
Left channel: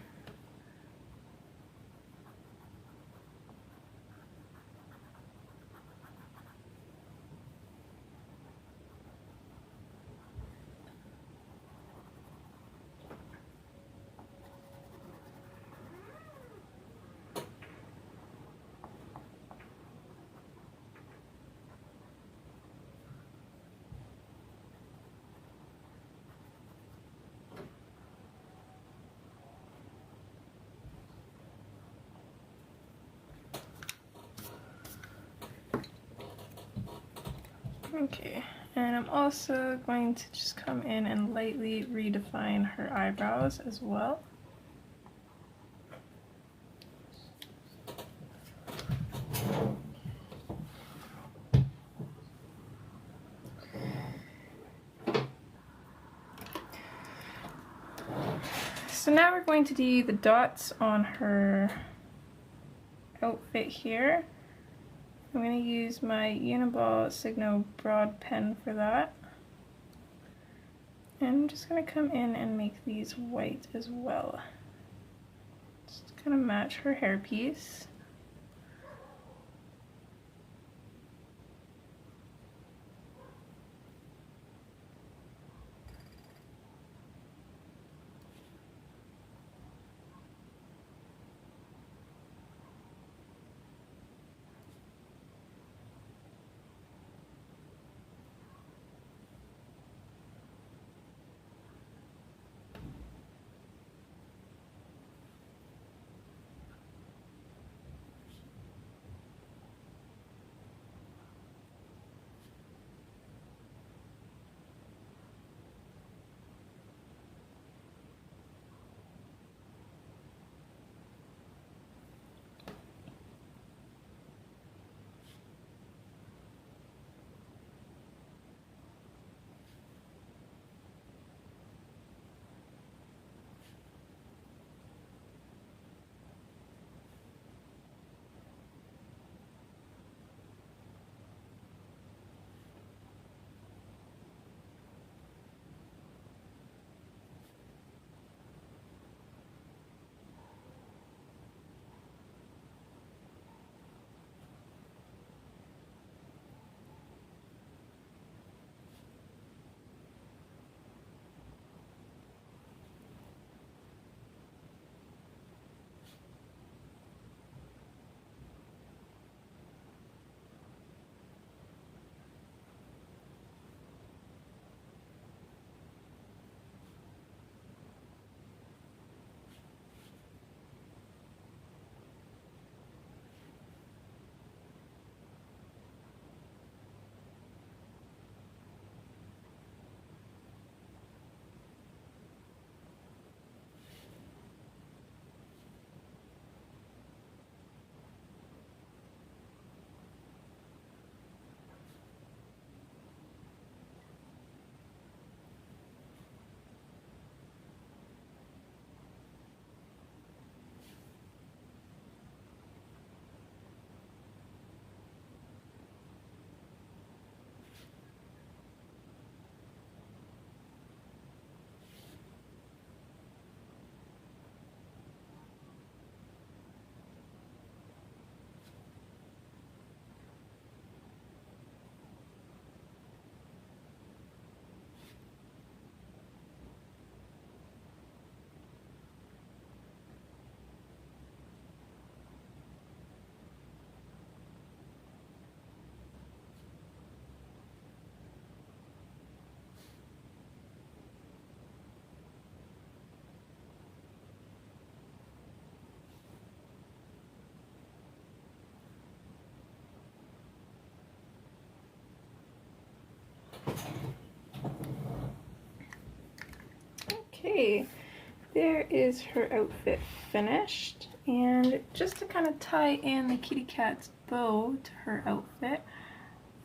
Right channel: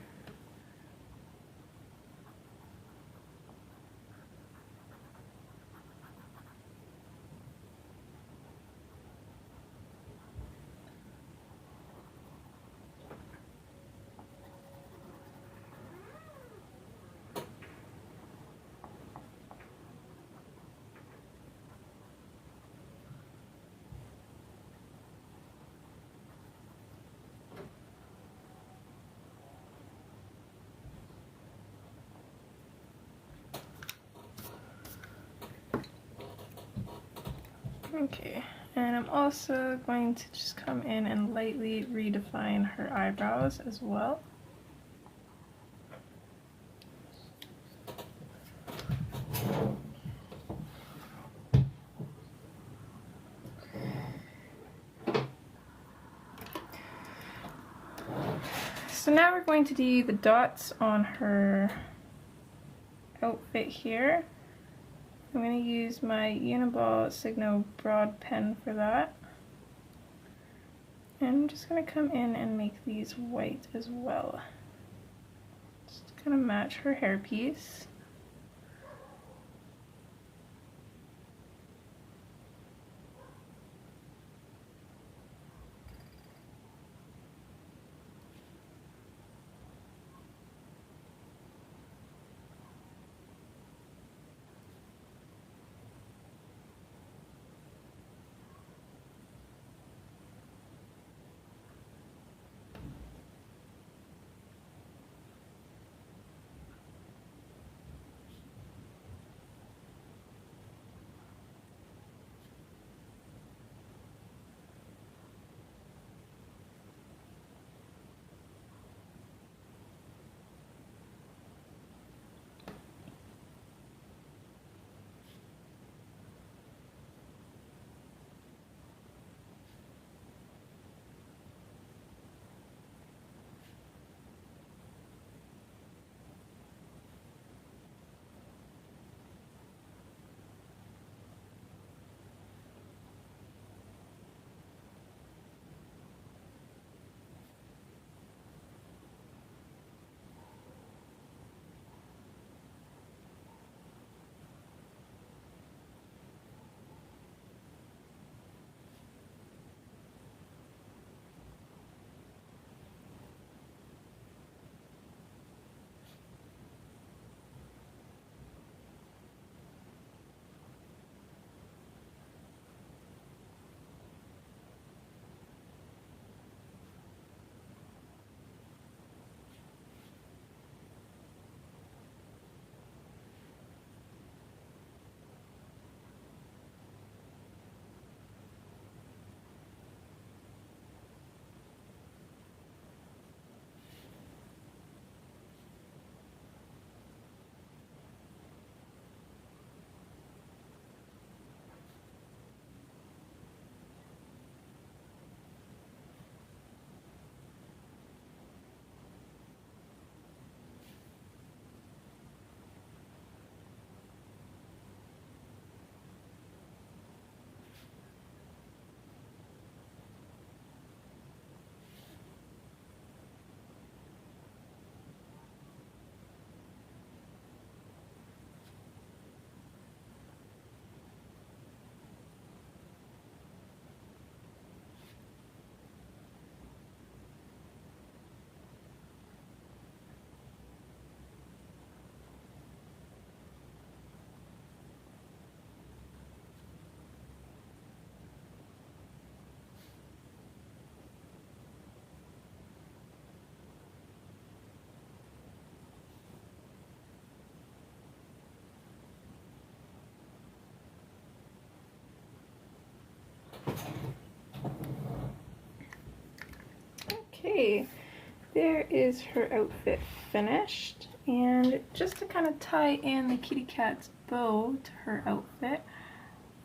Okay, and I'm also going to just come in and lightly redefine her eyebrows as well. So now we're going to do the dots on her outfit here. I'm going to use my Uniball Signo broad pen for that. And I'm just going to come in and make these white as well. Just kind of match her hairpiece. Okay, there is her outfit finished, and just to kind of tie in the kitty cat's bow to her outfit,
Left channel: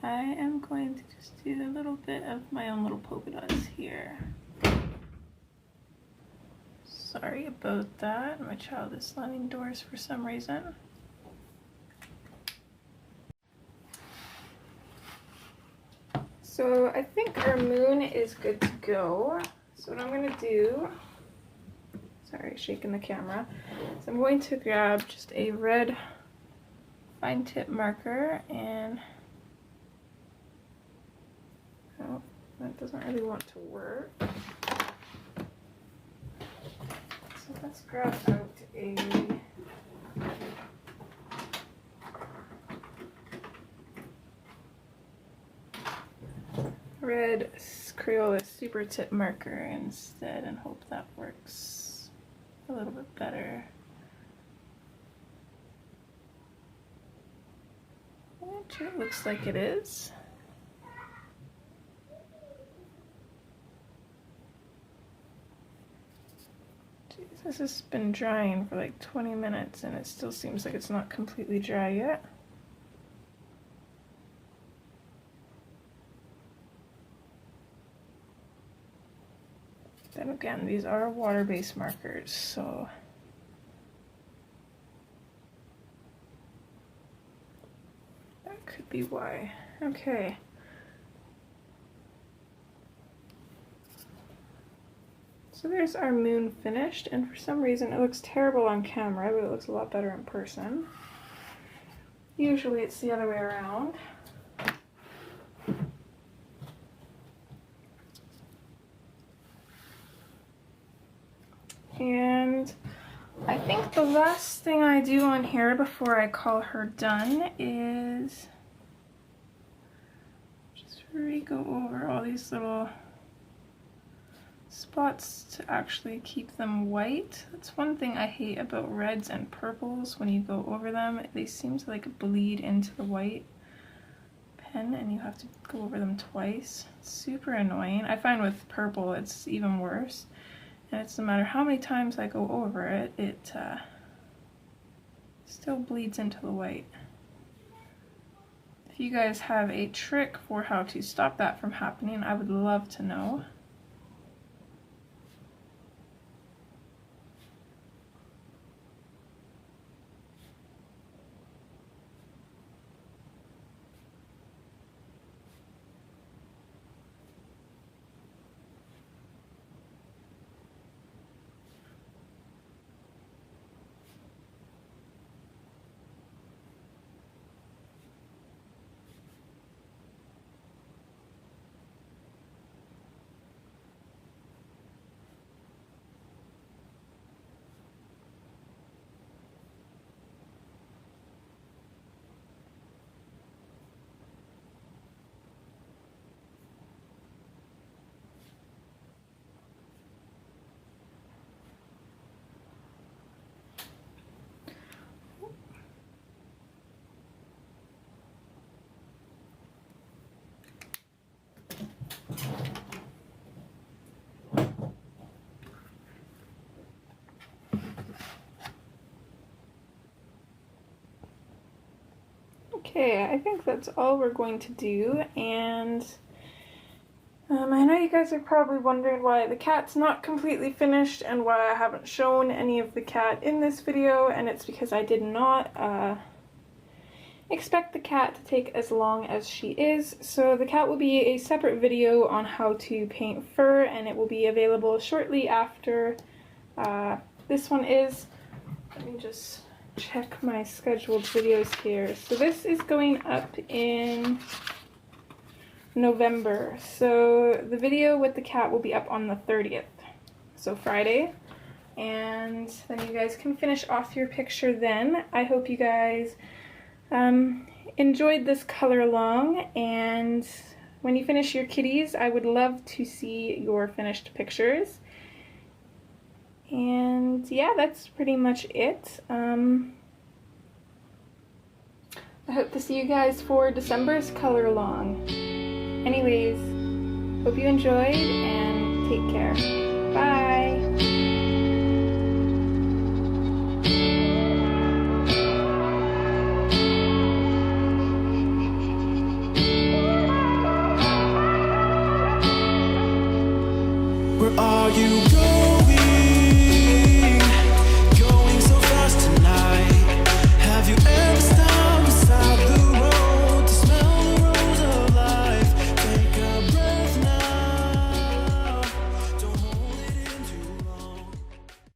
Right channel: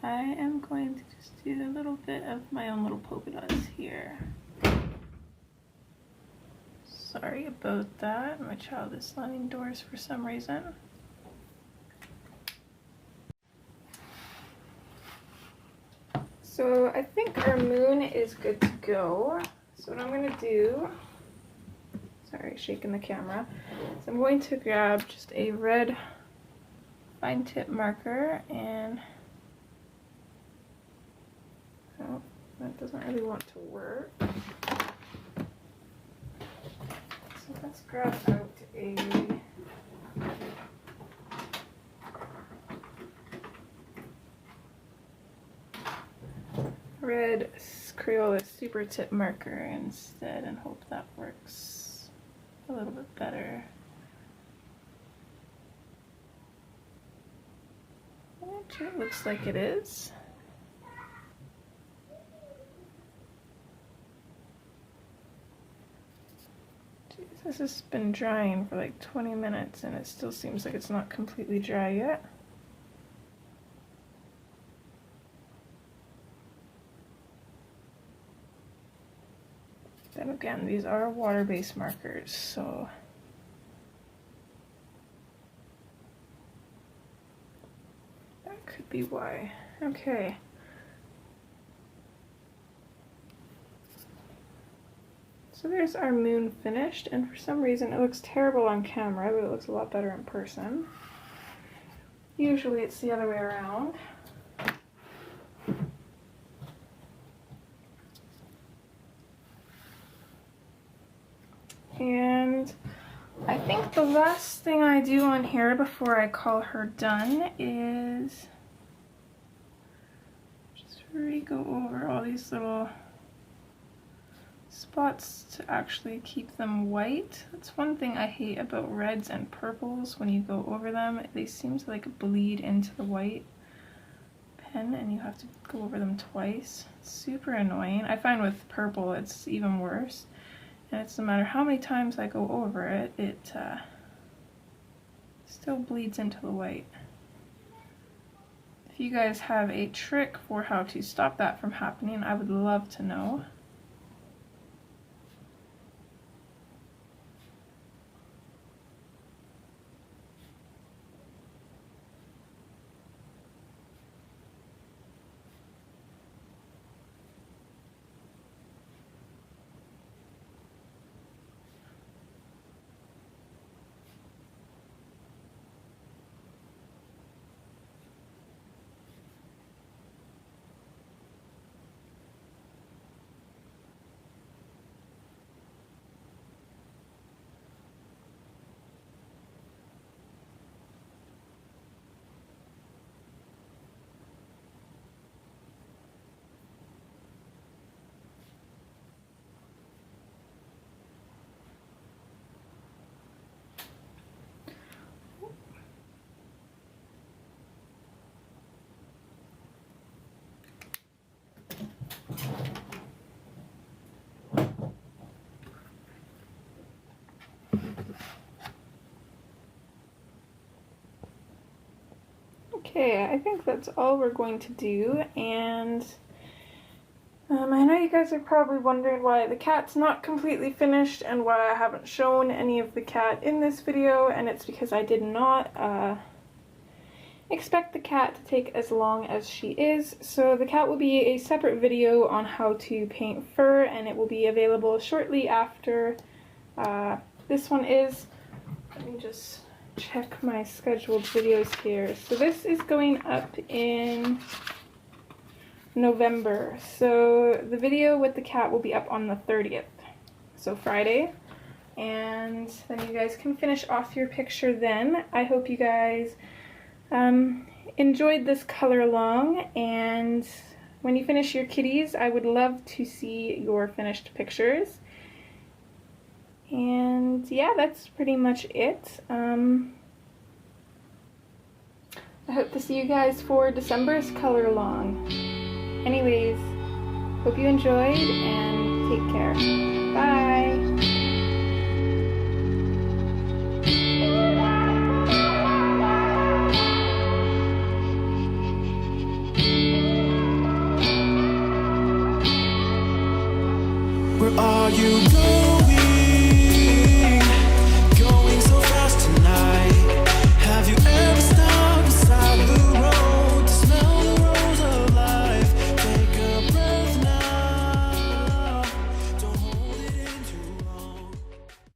I am going to just do a little bit of my own little polka dots here. Sorry about that, my child is slamming doors for some reason. So I think our moon is good to go. So what I'm going to do, sorry, shaking the camera, so I'm going to grab just a red fine tip marker and, oh, that doesn't really want to work. So let's grab out a red Crayola super tip marker instead and hope that works a little bit better. Which it looks like it is. Jeez, this has been drying for like 20 minutes and it still seems like it's not completely dry yet. Then again, these are water-based markers, so that could be why. Okay. So there's our moon finished, and for some reason it looks terrible on camera, but it looks a lot better in person. Usually it's the other way around. And I think the last thing I do on here before I call her done is just really go over all these little spots to actually keep them white. That's one thing I hate about reds and purples. When you go over them, they seem to like bleed into the white pen and you have to go over them twice. It's super annoying. I find with purple it's even worse. And it's no matter how many times I go over it, it still bleeds into the white. If you guys have a trick for how to stop that from happening, I would love to know. Okay, I think that's all we're going to do, and I know you guys are probably wondering why the cat's not completely finished and why I haven't shown any of the cat in this video, and it's because I did not expect the cat to take as long as she is. So the cat will be a separate video on how to paint fur, and it will be available shortly after this one is. Let me just check my scheduled videos here. So this is going up in November. So the video with the cat will be up on the 30th, so Friday. And then you guys can finish off your picture then. I hope you guys enjoyed this color along, and when you finish your kitties, I would love to see your finished pictures. And yeah, that's pretty much it. I hope to see you guys for December's color along. Anyways, hope you enjoyed and take care. Bye! Where are you going?